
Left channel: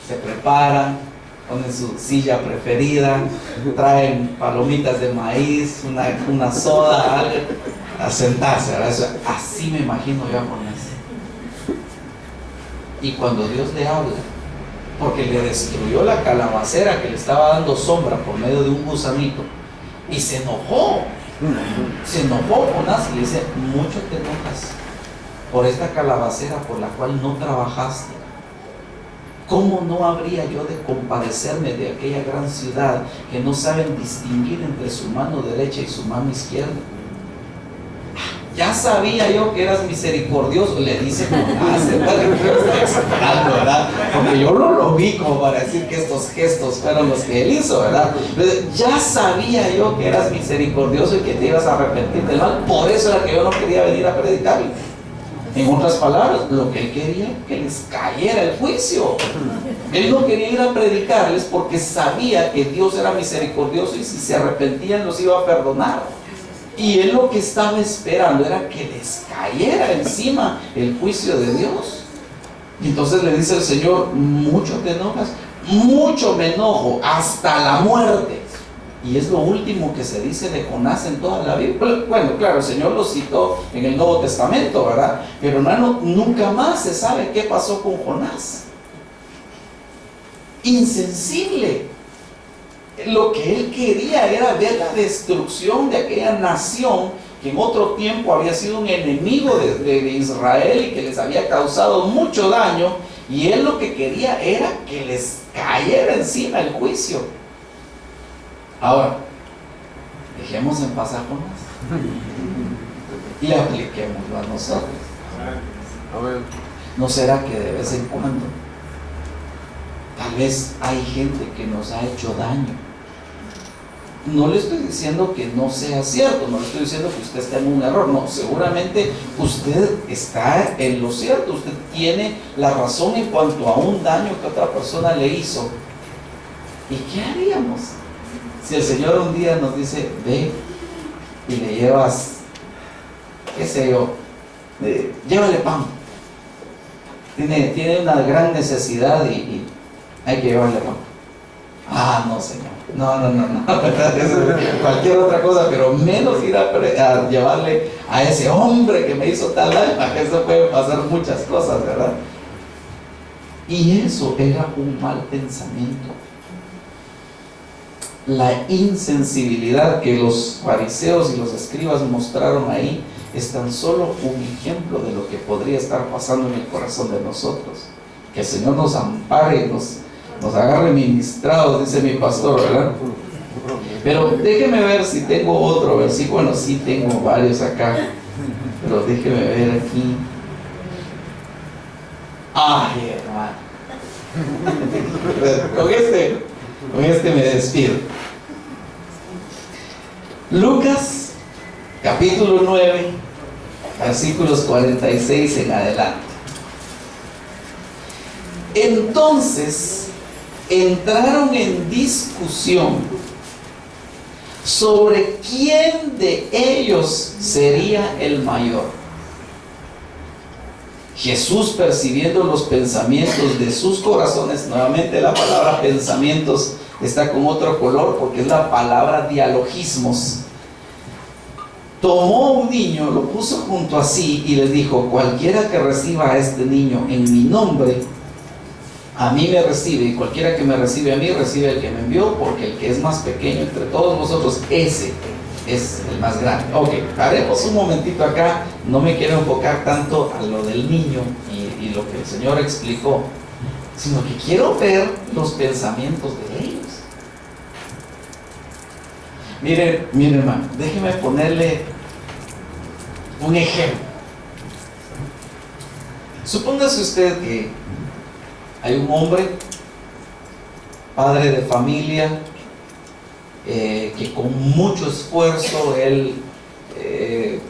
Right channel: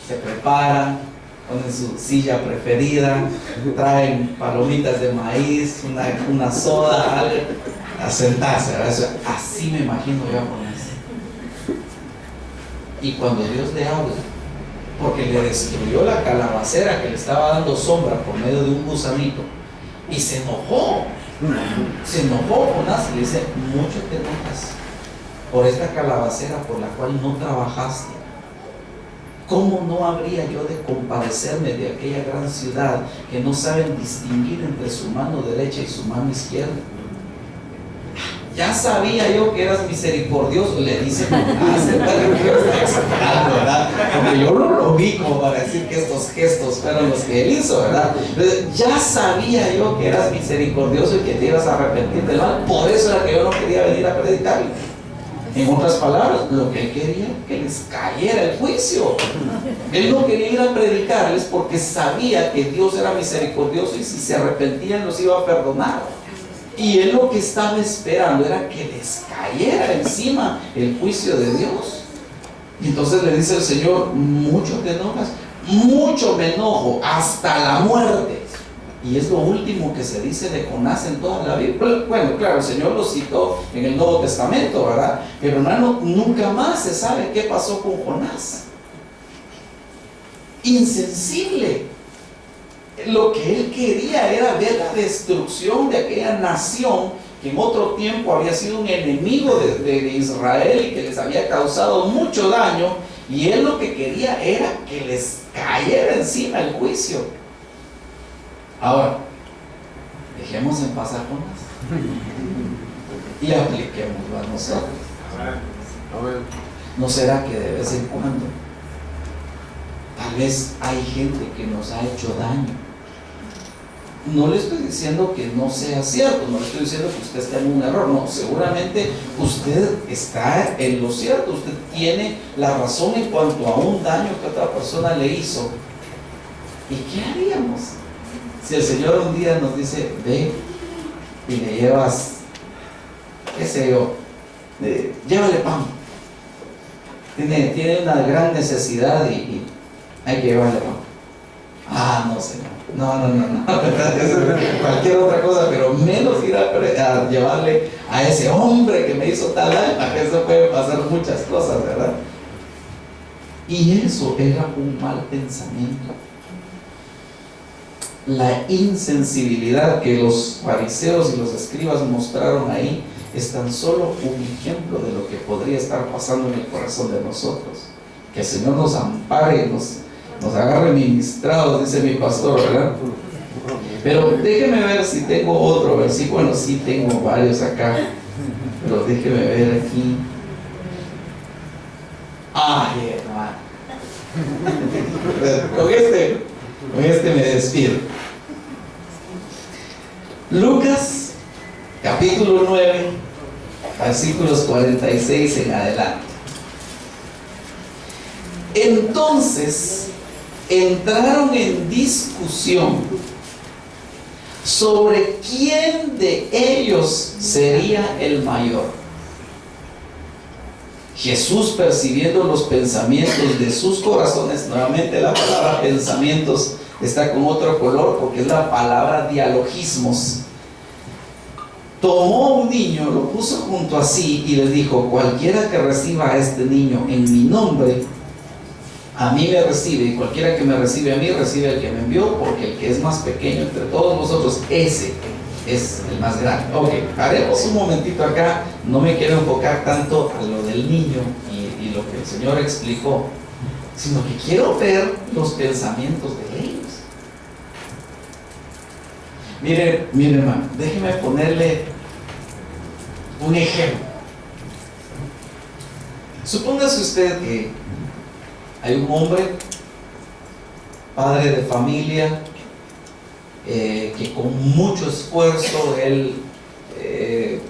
se preparan, ponen su silla preferida, traen palomitas de maíz, una soda, algo, a sentarse, ¿verdad? Así me imagino yo a Jonás. Y cuando Dios le habla, porque le destruyó la calabacera que le estaba dando sombra por medio de un gusanito, y se enojó Jonás, y le dice: mucho te enojas por esta calabacera por la cual no trabajaste. ¿Cómo no habría yo de compadecerme de aquella gran ciudad que no saben distinguir entre su mano derecha y su mano izquierda? Ya sabía yo que eras misericordioso, le dice Jonás, ¿verdad? Porque yo no lo vi como para decir que estos gestos fueron los que él hizo, ¿verdad? Ya sabía yo que eras misericordioso y que te ibas a arrepentir del mal, por eso era que yo no quería venir a predicarle. En otras palabras, lo que él quería era que les cayera el juicio. Él no quería ir a predicarles porque sabía que Dios era misericordioso y si se arrepentían los iba a perdonar. Y él lo que estaba esperando era que les cayera encima el juicio de Dios. Y entonces le dice el Señor: mucho te enojas, mucho me enojo, hasta la muerte. Y es lo último que se dice de Jonás en toda la Biblia. Bueno, claro, el Señor lo citó en el Nuevo Testamento, ¿verdad? Pero hermano, nunca más se sabe qué pasó con Jonás. Insensible. lo que él quería era ver la destrucción de aquella nación que en otro tiempo había sido un enemigo de Israel y que les había causado mucho daño, y él lo que quería era que les cayera encima el juicio. Ahora, dejemos en paz a Jonás y apliquémoslo a nosotros. ¿No será que de vez en cuando tal vez hay gente que nos ha hecho daño? No le estoy diciendo que no sea cierto, no le estoy diciendo que usted esté en un error, no, seguramente usted está en lo cierto, usted tiene la razón en cuanto a un daño que otra persona le hizo. ¿Y qué haríamos si el Señor un día nos dice, ve y le llevas, qué sé yo, llévale pan, tiene una gran necesidad y hay que llevarle pan? Ah, no, Señor, no. Cualquier otra cosa, pero menos ir a llevarle a ese hombre que me hizo tal daño. Eso puede pasar muchas cosas, ¿verdad? Y eso era un mal pensamiento. La insensibilidad que los fariseos y los escribas mostraron ahí es tan solo un ejemplo de lo que podría estar pasando en el corazón de nosotros. Que el Señor nos ampare y nos agarre ministrados, dice mi pastor, ¿verdad? Pero déjeme ver si tengo otro versículo. Bueno, sí tengo varios acá, pero déjeme ver aquí. Ay, hermano, con este me despido. Lucas capítulo 9, versículos 46 en adelante. Entonces entraron en discusión sobre quién de ellos sería el mayor. Jesús, percibiendo los pensamientos de sus corazones, nuevamente la palabra pensamientos está con otro color porque es la palabra dialogismos, tomó un niño, lo puso junto a sí y les dijo, cualquiera que reciba a este niño en mi nombre, a mí me recibe, y cualquiera que me recibe a mí, recibe al que me envió, porque el que es más pequeño entre todos vosotros, ese es el más grande. Ok, haremos un momentito acá, no me quiero enfocar tanto a lo del niño y lo que el Señor explicó, sino que quiero ver los pensamientos de ellos. Mire hermano, déjeme ponerle un ejemplo. Supóngase usted que hay un hombre, padre de familia, que con mucho esfuerzo él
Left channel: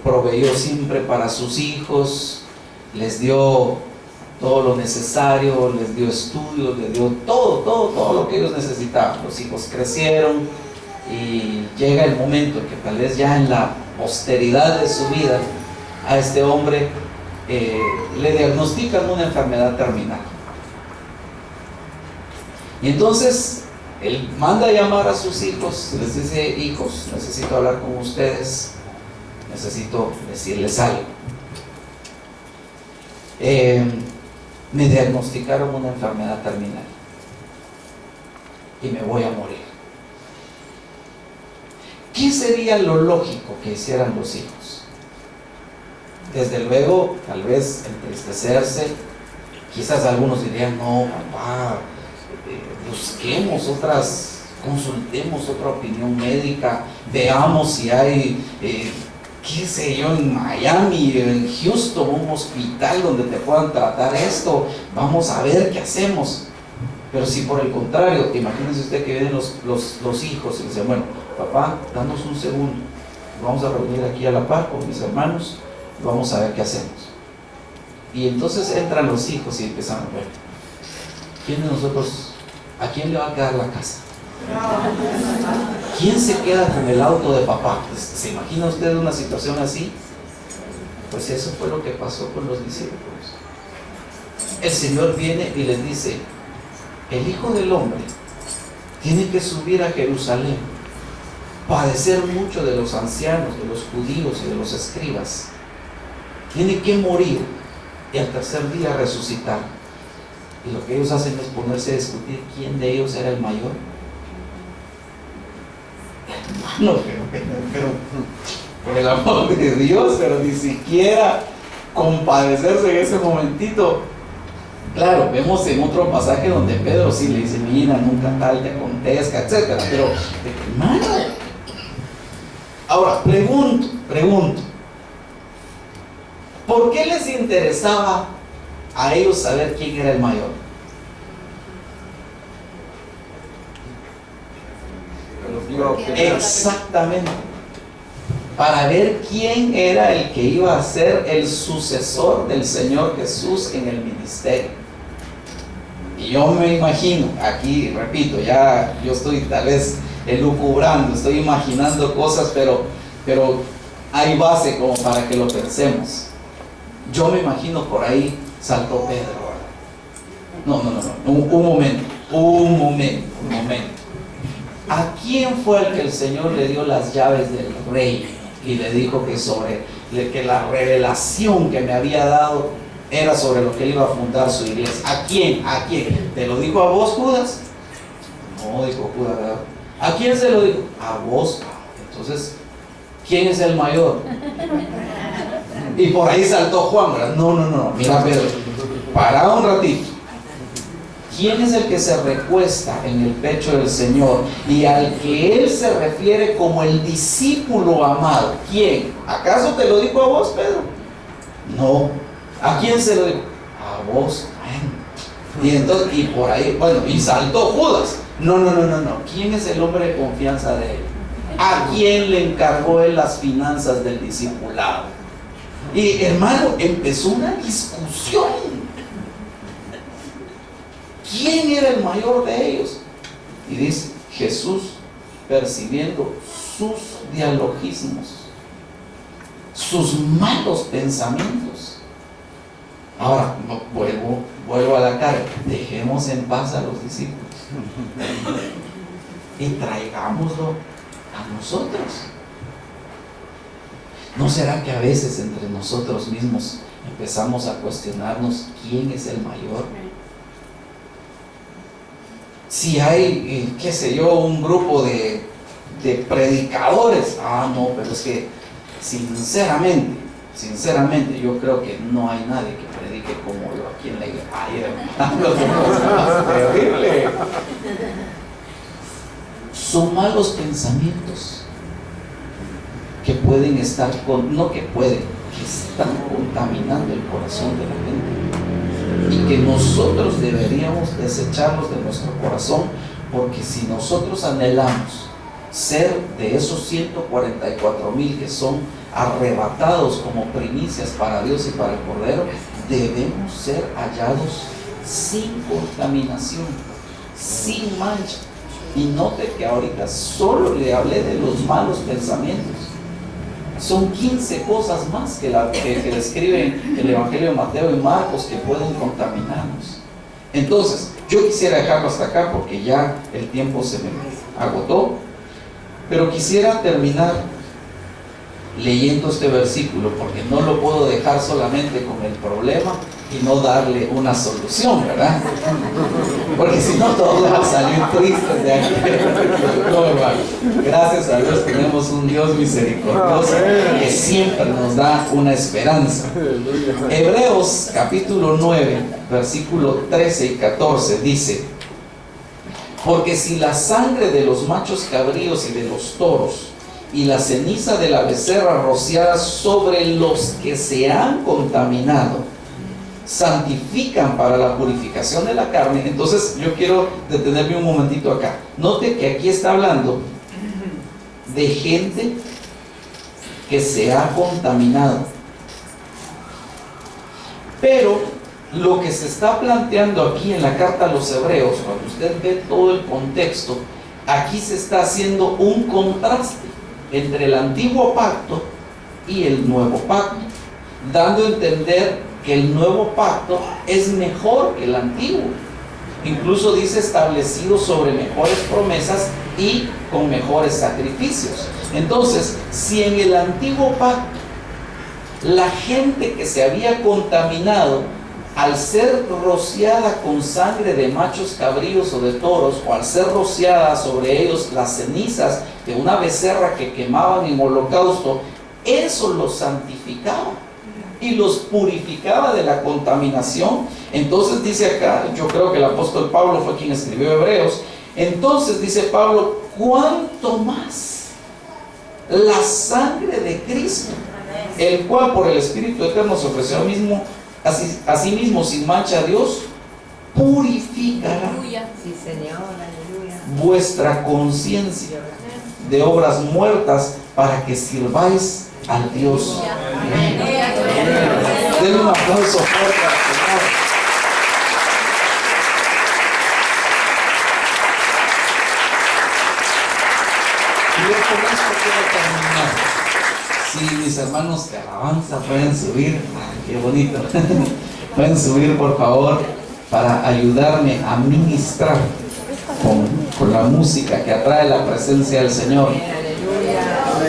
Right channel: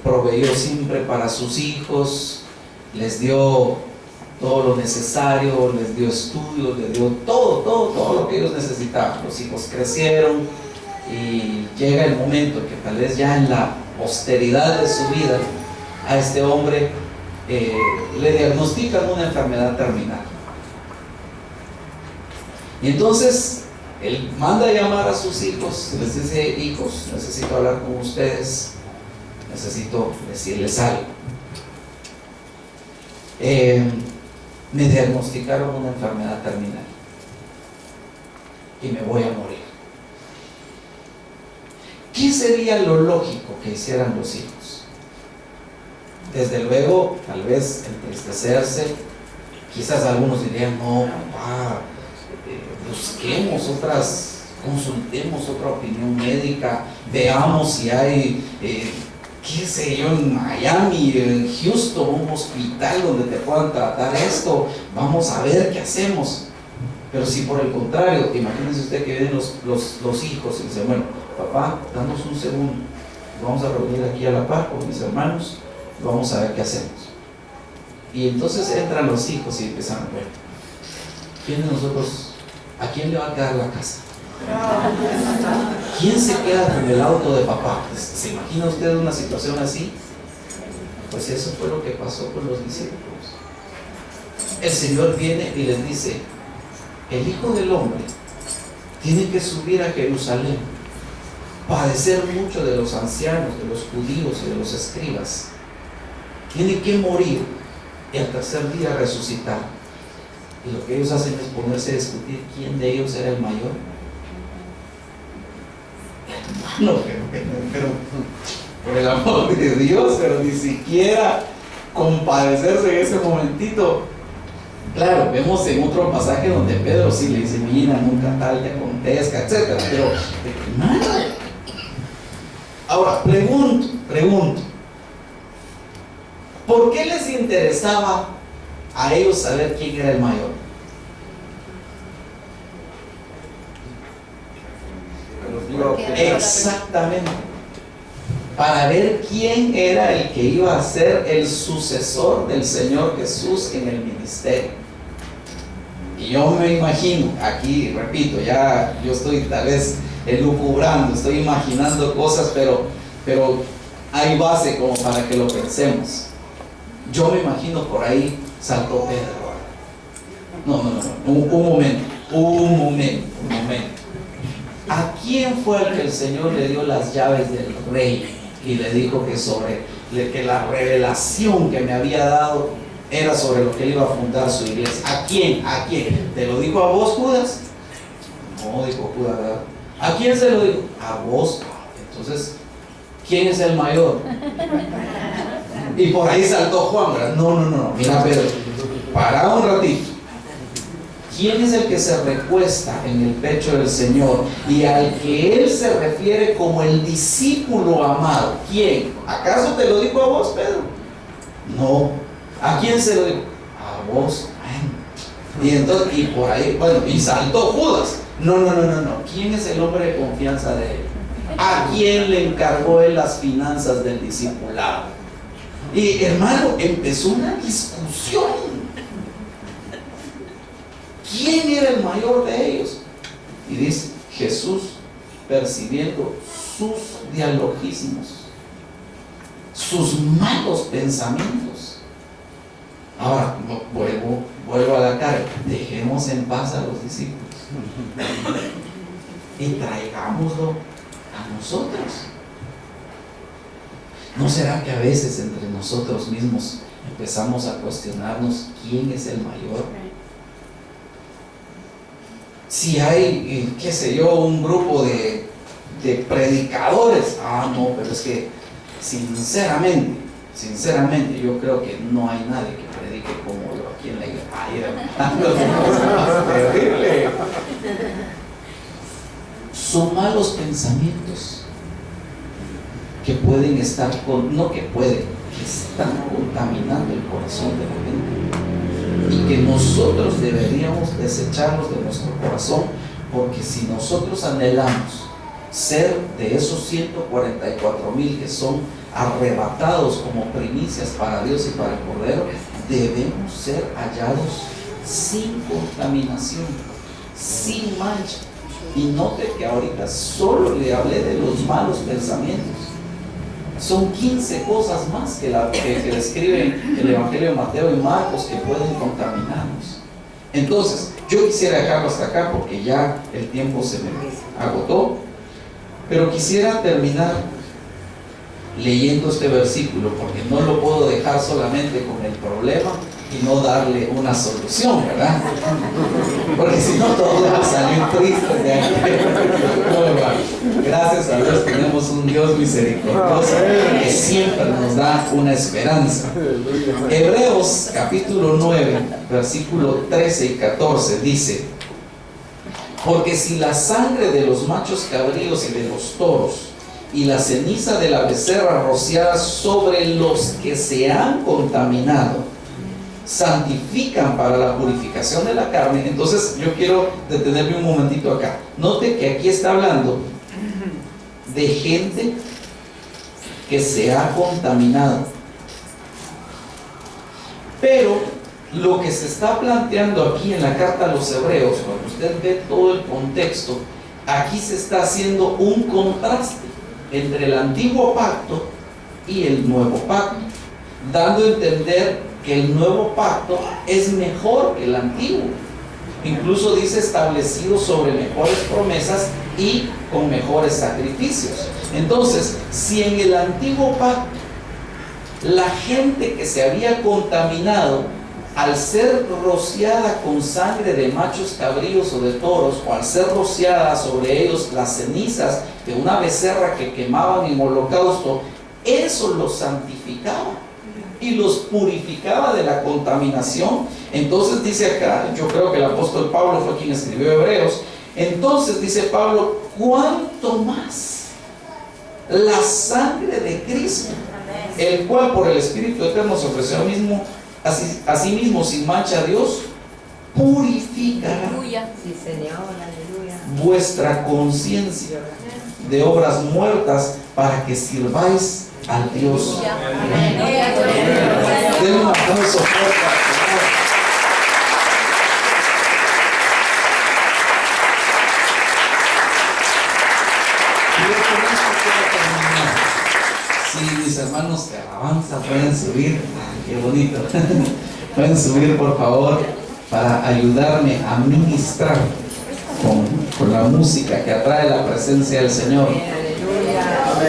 proveyó siempre para sus hijos, les dio todo lo necesario, les dio estudios, les dio todo lo que ellos necesitaban. Los hijos crecieron y llega el momento que tal vez ya en la posteridad de su vida a este hombre le diagnostican una enfermedad terminal. Y entonces él manda a llamar a sus hijos, les dice, hijos, necesito hablar con ustedes, necesito decirles algo. Me diagnosticaron una enfermedad terminal y me voy a morir. ¿Qué sería lo lógico que hicieran los hijos? Desde luego, tal vez entristecerse. Quizás algunos dirían, no, papá, busquemos consultemos otra opinión médica, veamos si hay, qué sé yo, en Miami, en Houston, un hospital donde te puedan tratar esto, vamos a ver qué hacemos. Pero si por el contrario, imagínense usted que vienen los hijos y dicen, bueno, papá, danos un segundo, vamos a reunir aquí a la par con mis hermanos, vamos a ver qué hacemos. Y entonces entran los hijos y empiezan, bueno, ¿quién de nosotros, a quién le va a quedar la casa? ¿Quién se queda con el auto de papá? ¿Se imagina usted una situación así? Pues eso fue lo que pasó con los discípulos. El Señor viene y les dice, el Hijo del Hombre tiene que subir a Jerusalén, padecer mucho de los ancianos, de los judíos y de los escribas, tiene que morir y al tercer día resucitar. Y lo que ellos hacen es ponerse a discutir quién de ellos era el mayor. hermano, pero por el amor de Dios, pero ni siquiera compadecerse en ese momentito. Claro, vemos en otro pasaje donde Pedro sí le dice, mira, nunca tal te acontezca, etc. Pero, hermano, ahora pregunto, ¿por qué les interesaba a ellos saber quién era el mayor? Exactamente, para ver quién era el que iba a ser el sucesor del Señor Jesús en el ministerio. Y yo me imagino, aquí repito, ya yo estoy tal vez elucubrando, estoy imaginando cosas, pero hay base como para que lo pensemos. Yo me imagino por ahí saltó Pedro. No, un momento. ¿A quién fue el que el Señor le dio las llaves del reino y le dijo que la revelación que me había dado era sobre lo que él iba a fundar su iglesia? ¿A quién? ¿Te lo dijo a vos, Judas? No, dijo Judas, ¿verdad? ¿A quién se lo dijo? A vos. Entonces, ¿quién es el mayor? Y por ahí saltó Juan, ¿verdad? No, mira, Pedro, para un ratito. ¿Quién es el que se recuesta en el pecho del Señor y al que él se refiere como el discípulo amado? ¿Quién? ¿Acaso te lo dijo a vos, Pedro? No. ¿A quién se lo dijo? A vos. Y entonces, y por ahí, y saltó Judas. No. ¿Quién es el hombre de confianza de él? ¿A quién le encargó él las finanzas del discipulado? Y hermano, empezó una discusión. ¿Quién era el mayor de ellos? Y dice, Jesús, percibiendo sus dialogismos, sus malos pensamientos. Ahora, vuelvo a la carga. Dejemos en paz a los discípulos y traigámoslo a nosotros. ¿No será que a veces entre nosotros mismos empezamos a cuestionarnos quién es el mayor? Si hay, qué sé yo, un grupo de predicadores, no, pero es que sinceramente yo creo que no hay nadie que predique como yo aquí en la iglesia. Ay, hermano, terrible. Son malos pensamientos que pueden estar que están contaminando el corazón de la gente. Y que nosotros deberíamos desecharlos de nuestro corazón, porque si nosotros anhelamos ser de esos 144,000 que son arrebatados como primicias para Dios y para el Cordero, debemos ser hallados sin contaminación, sin mancha. Y note que ahorita solo le hablé de los malos pensamientos. Son 15 cosas más que describen el Evangelio de Mateo y Marcos que pueden contaminarnos. Entonces, yo quisiera dejarlo hasta acá porque ya el tiempo se me agotó, pero quisiera terminar leyendo este versículo porque no lo puedo dejar solamente con el problema y no darle una solución, ¿verdad? Porque si no todos van a salir tristes de aquí. No, hermano. Gracias a Dios tenemos un Dios misericordioso que siempre nos da una esperanza. Hebreos capítulo 9 versículo 13 y 14 dice: porque si la sangre de los machos cabríos y de los toros y la ceniza de la becerra rociada sobre los que se han contaminado santifican para la purificación de la carne. Entonces yo quiero detenerme un momentito acá. Note que aquí está hablando de gente que se ha contaminado, pero lo que se está planteando aquí en la carta a los Hebreos, cuando usted ve todo el contexto, aquí se está haciendo un contraste entre el antiguo pacto y el nuevo pacto, dando a entender que el nuevo pacto es mejor que el antiguo. Incluso dice establecido sobre mejores promesas y con mejores sacrificios. Entonces, si en el antiguo pacto la gente que se había contaminado al ser rociada con sangre de machos cabríos o de toros, o al ser rociada sobre ellos las cenizas de una becerra que quemaban en holocausto, eso los santificaba y los purificaba de la contaminación. Entonces dice acá, yo creo que el apóstol Pablo fue quien escribió Hebreos, entonces dice Pablo, ¿cuánto más la sangre de Cristo, el cual por el Espíritu Eterno se ofreció a sí mismo sin mancha a Dios, purificará Sí, Señor, aleluya. vuestra conciencia de obras muertas para que sirváis al Dios? Denle un aplauso fuerte al Señor. Y yo con esto quiero terminar. Si mis hermanos de alabanza pueden subir, qué bonito. Pueden subir, por favor, para ayudarme a ministrar con la música que atrae la presencia del Señor.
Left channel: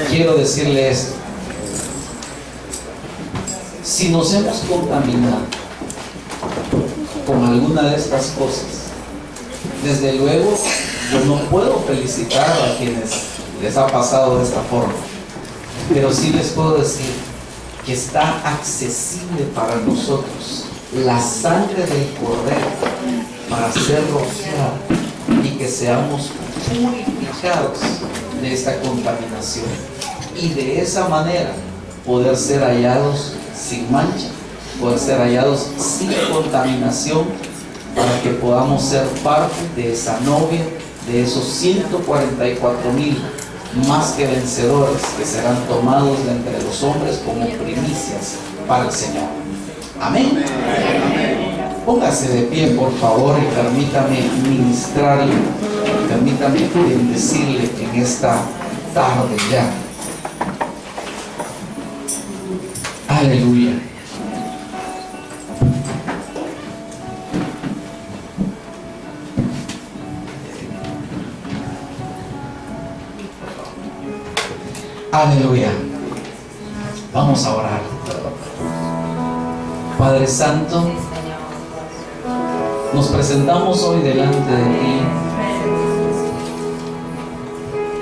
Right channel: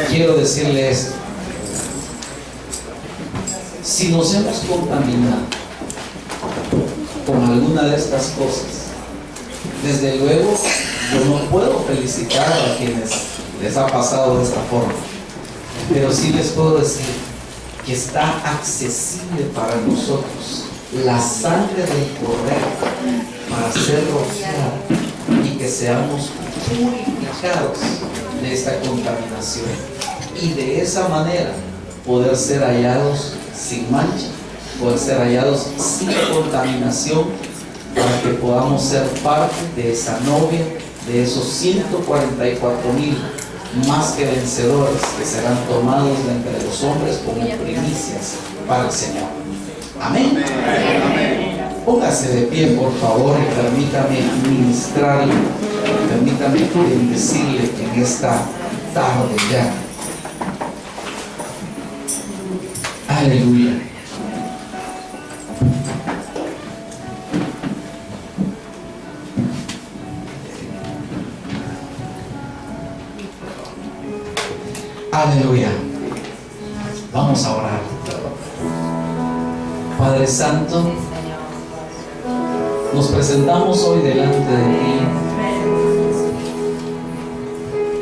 Quiero decirle esto: si nos hemos contaminado con alguna de estas cosas, desde luego yo no puedo felicitar a quienes les ha pasado de esta forma, pero sí les puedo decir que está accesible para nosotros la sangre del Cordero para ser rociada y que seamos purificados de esta contaminación, y de esa manera poder ser hallados sin mancha, poder ser hallados sin contaminación, para que podamos ser parte de esa novia, de esos 144,000 más que vencedores que serán tomados de entre los hombres como primicias para el Señor. Amén. Póngase de pie, por favor, y permítame ministrarle, permítame bendecirle en esta tarde ya. Aleluya. Aleluya. Vamos a orar. Padre Santo, nos presentamos hoy delante de ti,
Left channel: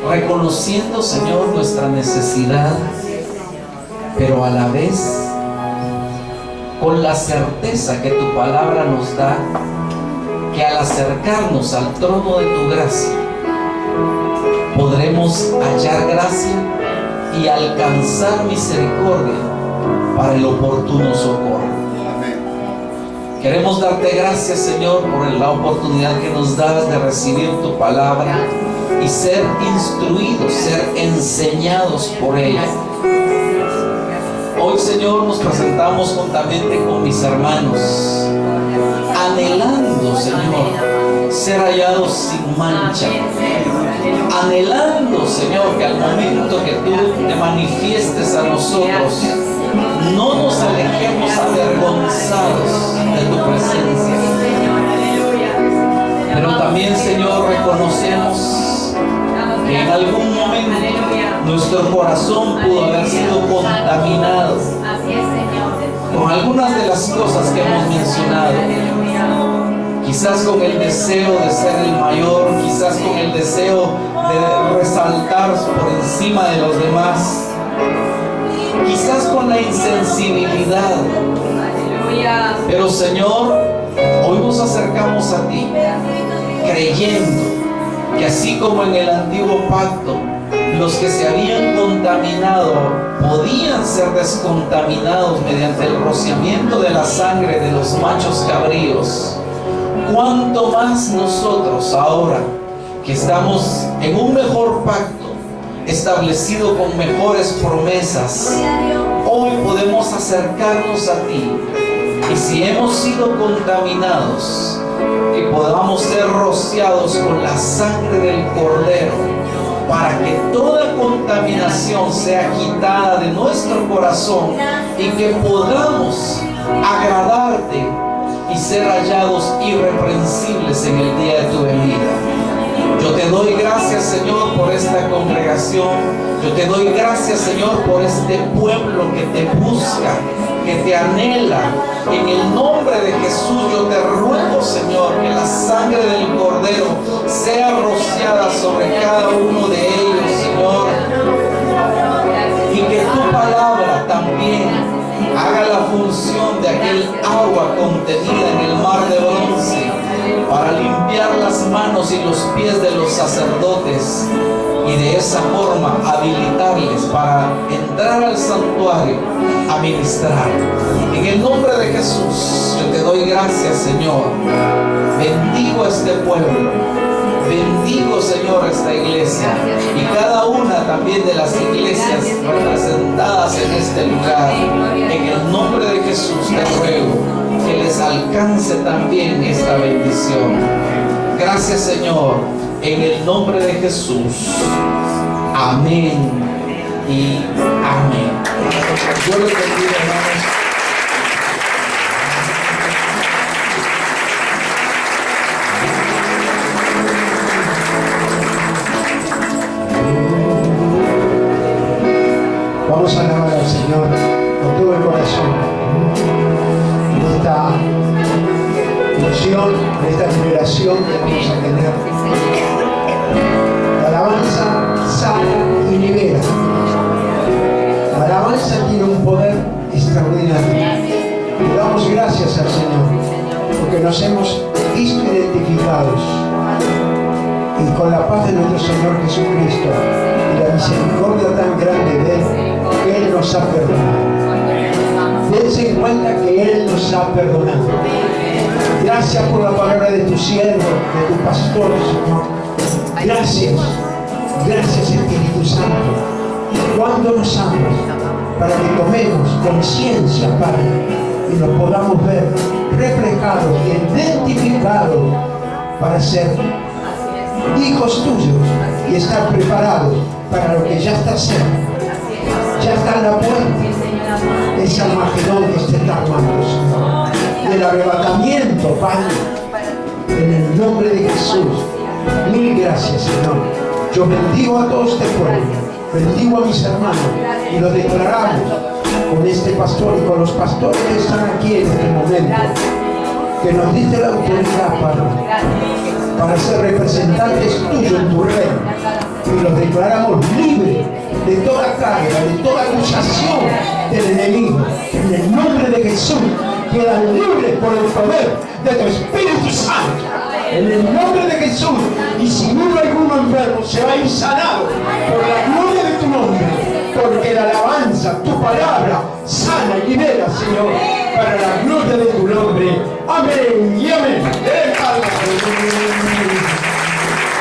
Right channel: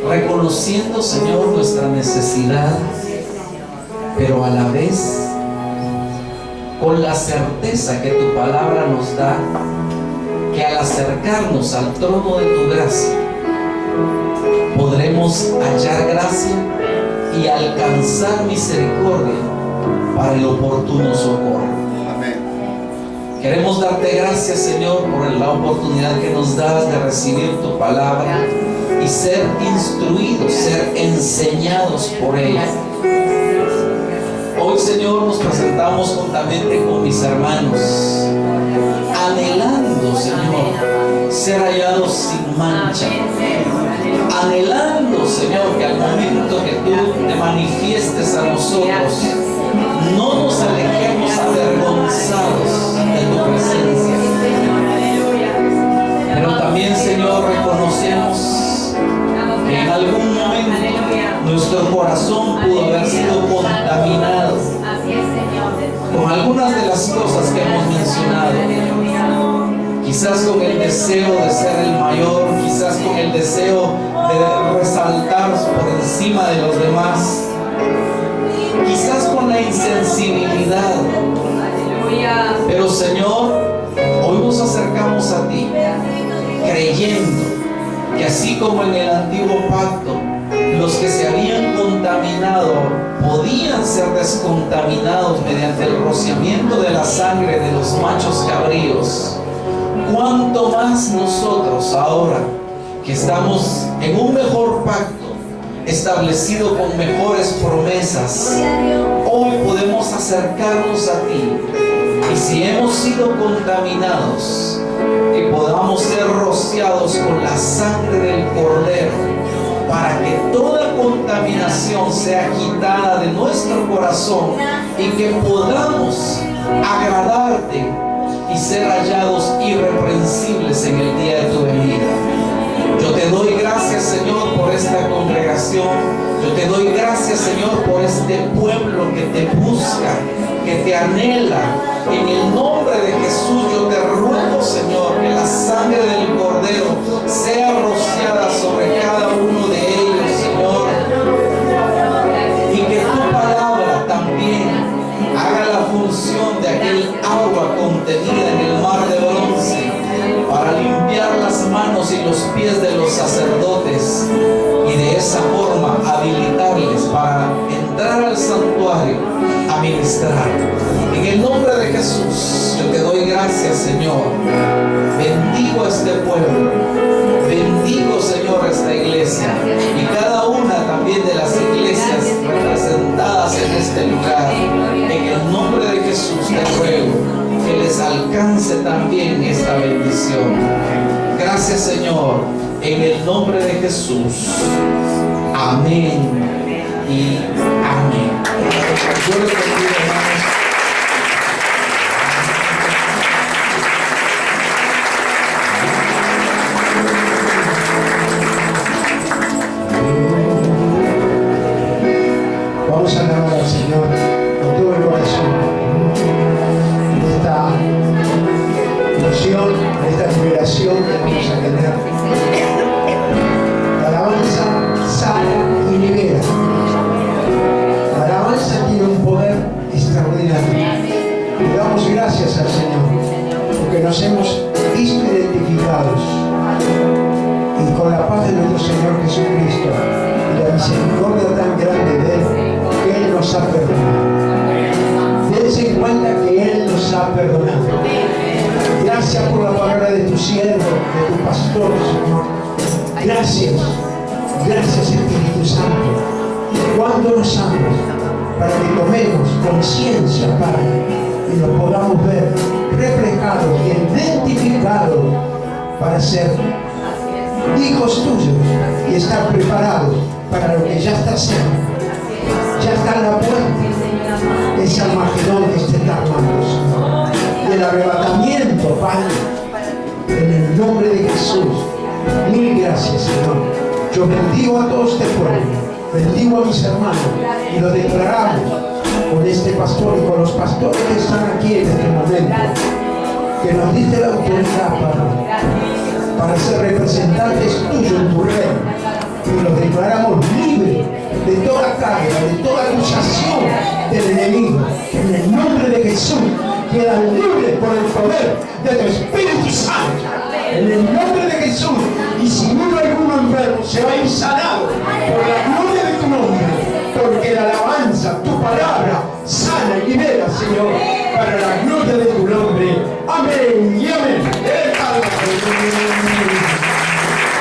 reconociendo, Señor, nuestra necesidad, pero a la vez con la certeza que tu palabra nos da, que al acercarnos al trono de tu gracia podremos hallar gracia y alcanzar misericordia para el oportuno socorro. Queremos darte gracias, Señor, por la oportunidad que nos das de recibir tu palabra y ser instruidos, ser enseñados por ella. Hoy, Señor, nos presentamos juntamente con mis hermanos, anhelando, Señor, ser hallados sin mancha, anhelando, Señor, que al momento que tú te manifiestes a nosotros, no nos alejemos avergonzados de tu presencia. Pero también, Señor, reconocemos que en algún momento nuestro corazón pudo haber sido contaminado con algunas de las cosas que hemos mencionado. Quizás con el deseo de ser el mayor, quizás con el deseo de resaltar por encima de los demás, quizás con la insensibilidad. Pero, Señor, hoy nos acercamos a ti creyendo que así como en el antiguo pacto los que se habían contaminado podían ser descontaminados mediante el rociamiento de la sangre de los machos cabríos, cuánto más nosotros ahora que estamos en un mejor pacto establecido con mejores promesas, hoy podemos acercarnos a ti, y si hemos sido contaminados, que podamos ser rociados con la sangre del Cordero, para que toda contaminación sea quitada de nuestro corazón y que podamos agradarte y ser hallados irreprensibles en el día de tu venida. Yo te doy gracias, Señor, por esta congregación. Yo te doy gracias, Señor, por este pueblo que te busca, que te anhela. En el nombre de Jesús yo te ruego, Señor, que la sangre del Cordero sea rociada sobre cada uno de ellos, Señor. Y que tu palabra también haga la función de aquel agua contenida en el mar de bronce para limpiar las manos y los pies de los sacerdotes y de esa forma habilitarles para entrar al santuario a ministrar. En el nombre de Jesús yo te doy gracias, Señor. Bendigo a este pueblo, bendigo, Señor, esta iglesia y cada una también de las iglesias representadas en este lugar. En el nombre de Jesús te ruego que les alcance también esta bendición. Gracias, Señor, en el nombre de Jesús. Amén y amén. Yo les bendiga, hermanos. Vamos a alabar al Señor con todo el corazón. En esta unción, en esta liberación que vamos a tener. La alabanza sana y libera. La alabanza tiene un poder extraordinario. Le damos gracias al Señor porque nos hemos visto identificados y con la paz de nuestro Señor Jesucristo y la misericordia tan grande de Él, que Él nos ha perdonado. Dense en cuenta que Él nos ha perdonado. Gracias por la palabra de tu siervo, de tu pastor, Señor. Gracias, gracias Espíritu Santo. Cuando nos amas, para que tomemos conciencia, Padre, y nos podamos ver reflejados y identificados para ser hijos tuyos y estar preparados para lo que ya está cerca. Ya está en la puerta. Es Armagedón que se está armando, Señor. Y el arrebatamiento, Padre, en el nombre de Jesús. Mil gracias, Señor. Yo bendigo a todo este pueblo, bendigo a mis hermanos y lo declaramos con este pastor y con los pastores que están aquí en este momento, que nos diste la autoridad, para ser representantes tuyos en tu reino, y los declaramos libres de toda carga, de toda acusación del enemigo. En el nombre de Jesús quedan libres por el poder de tu Espíritu Santo. En el nombre de Jesús. Y si uno alguno enfermo se va a ir sanado por la gloria de tu nombre, porque la alabanza, tu palabra, sana y libera, Señor, para la gloria de tu nombre. Amén y amén.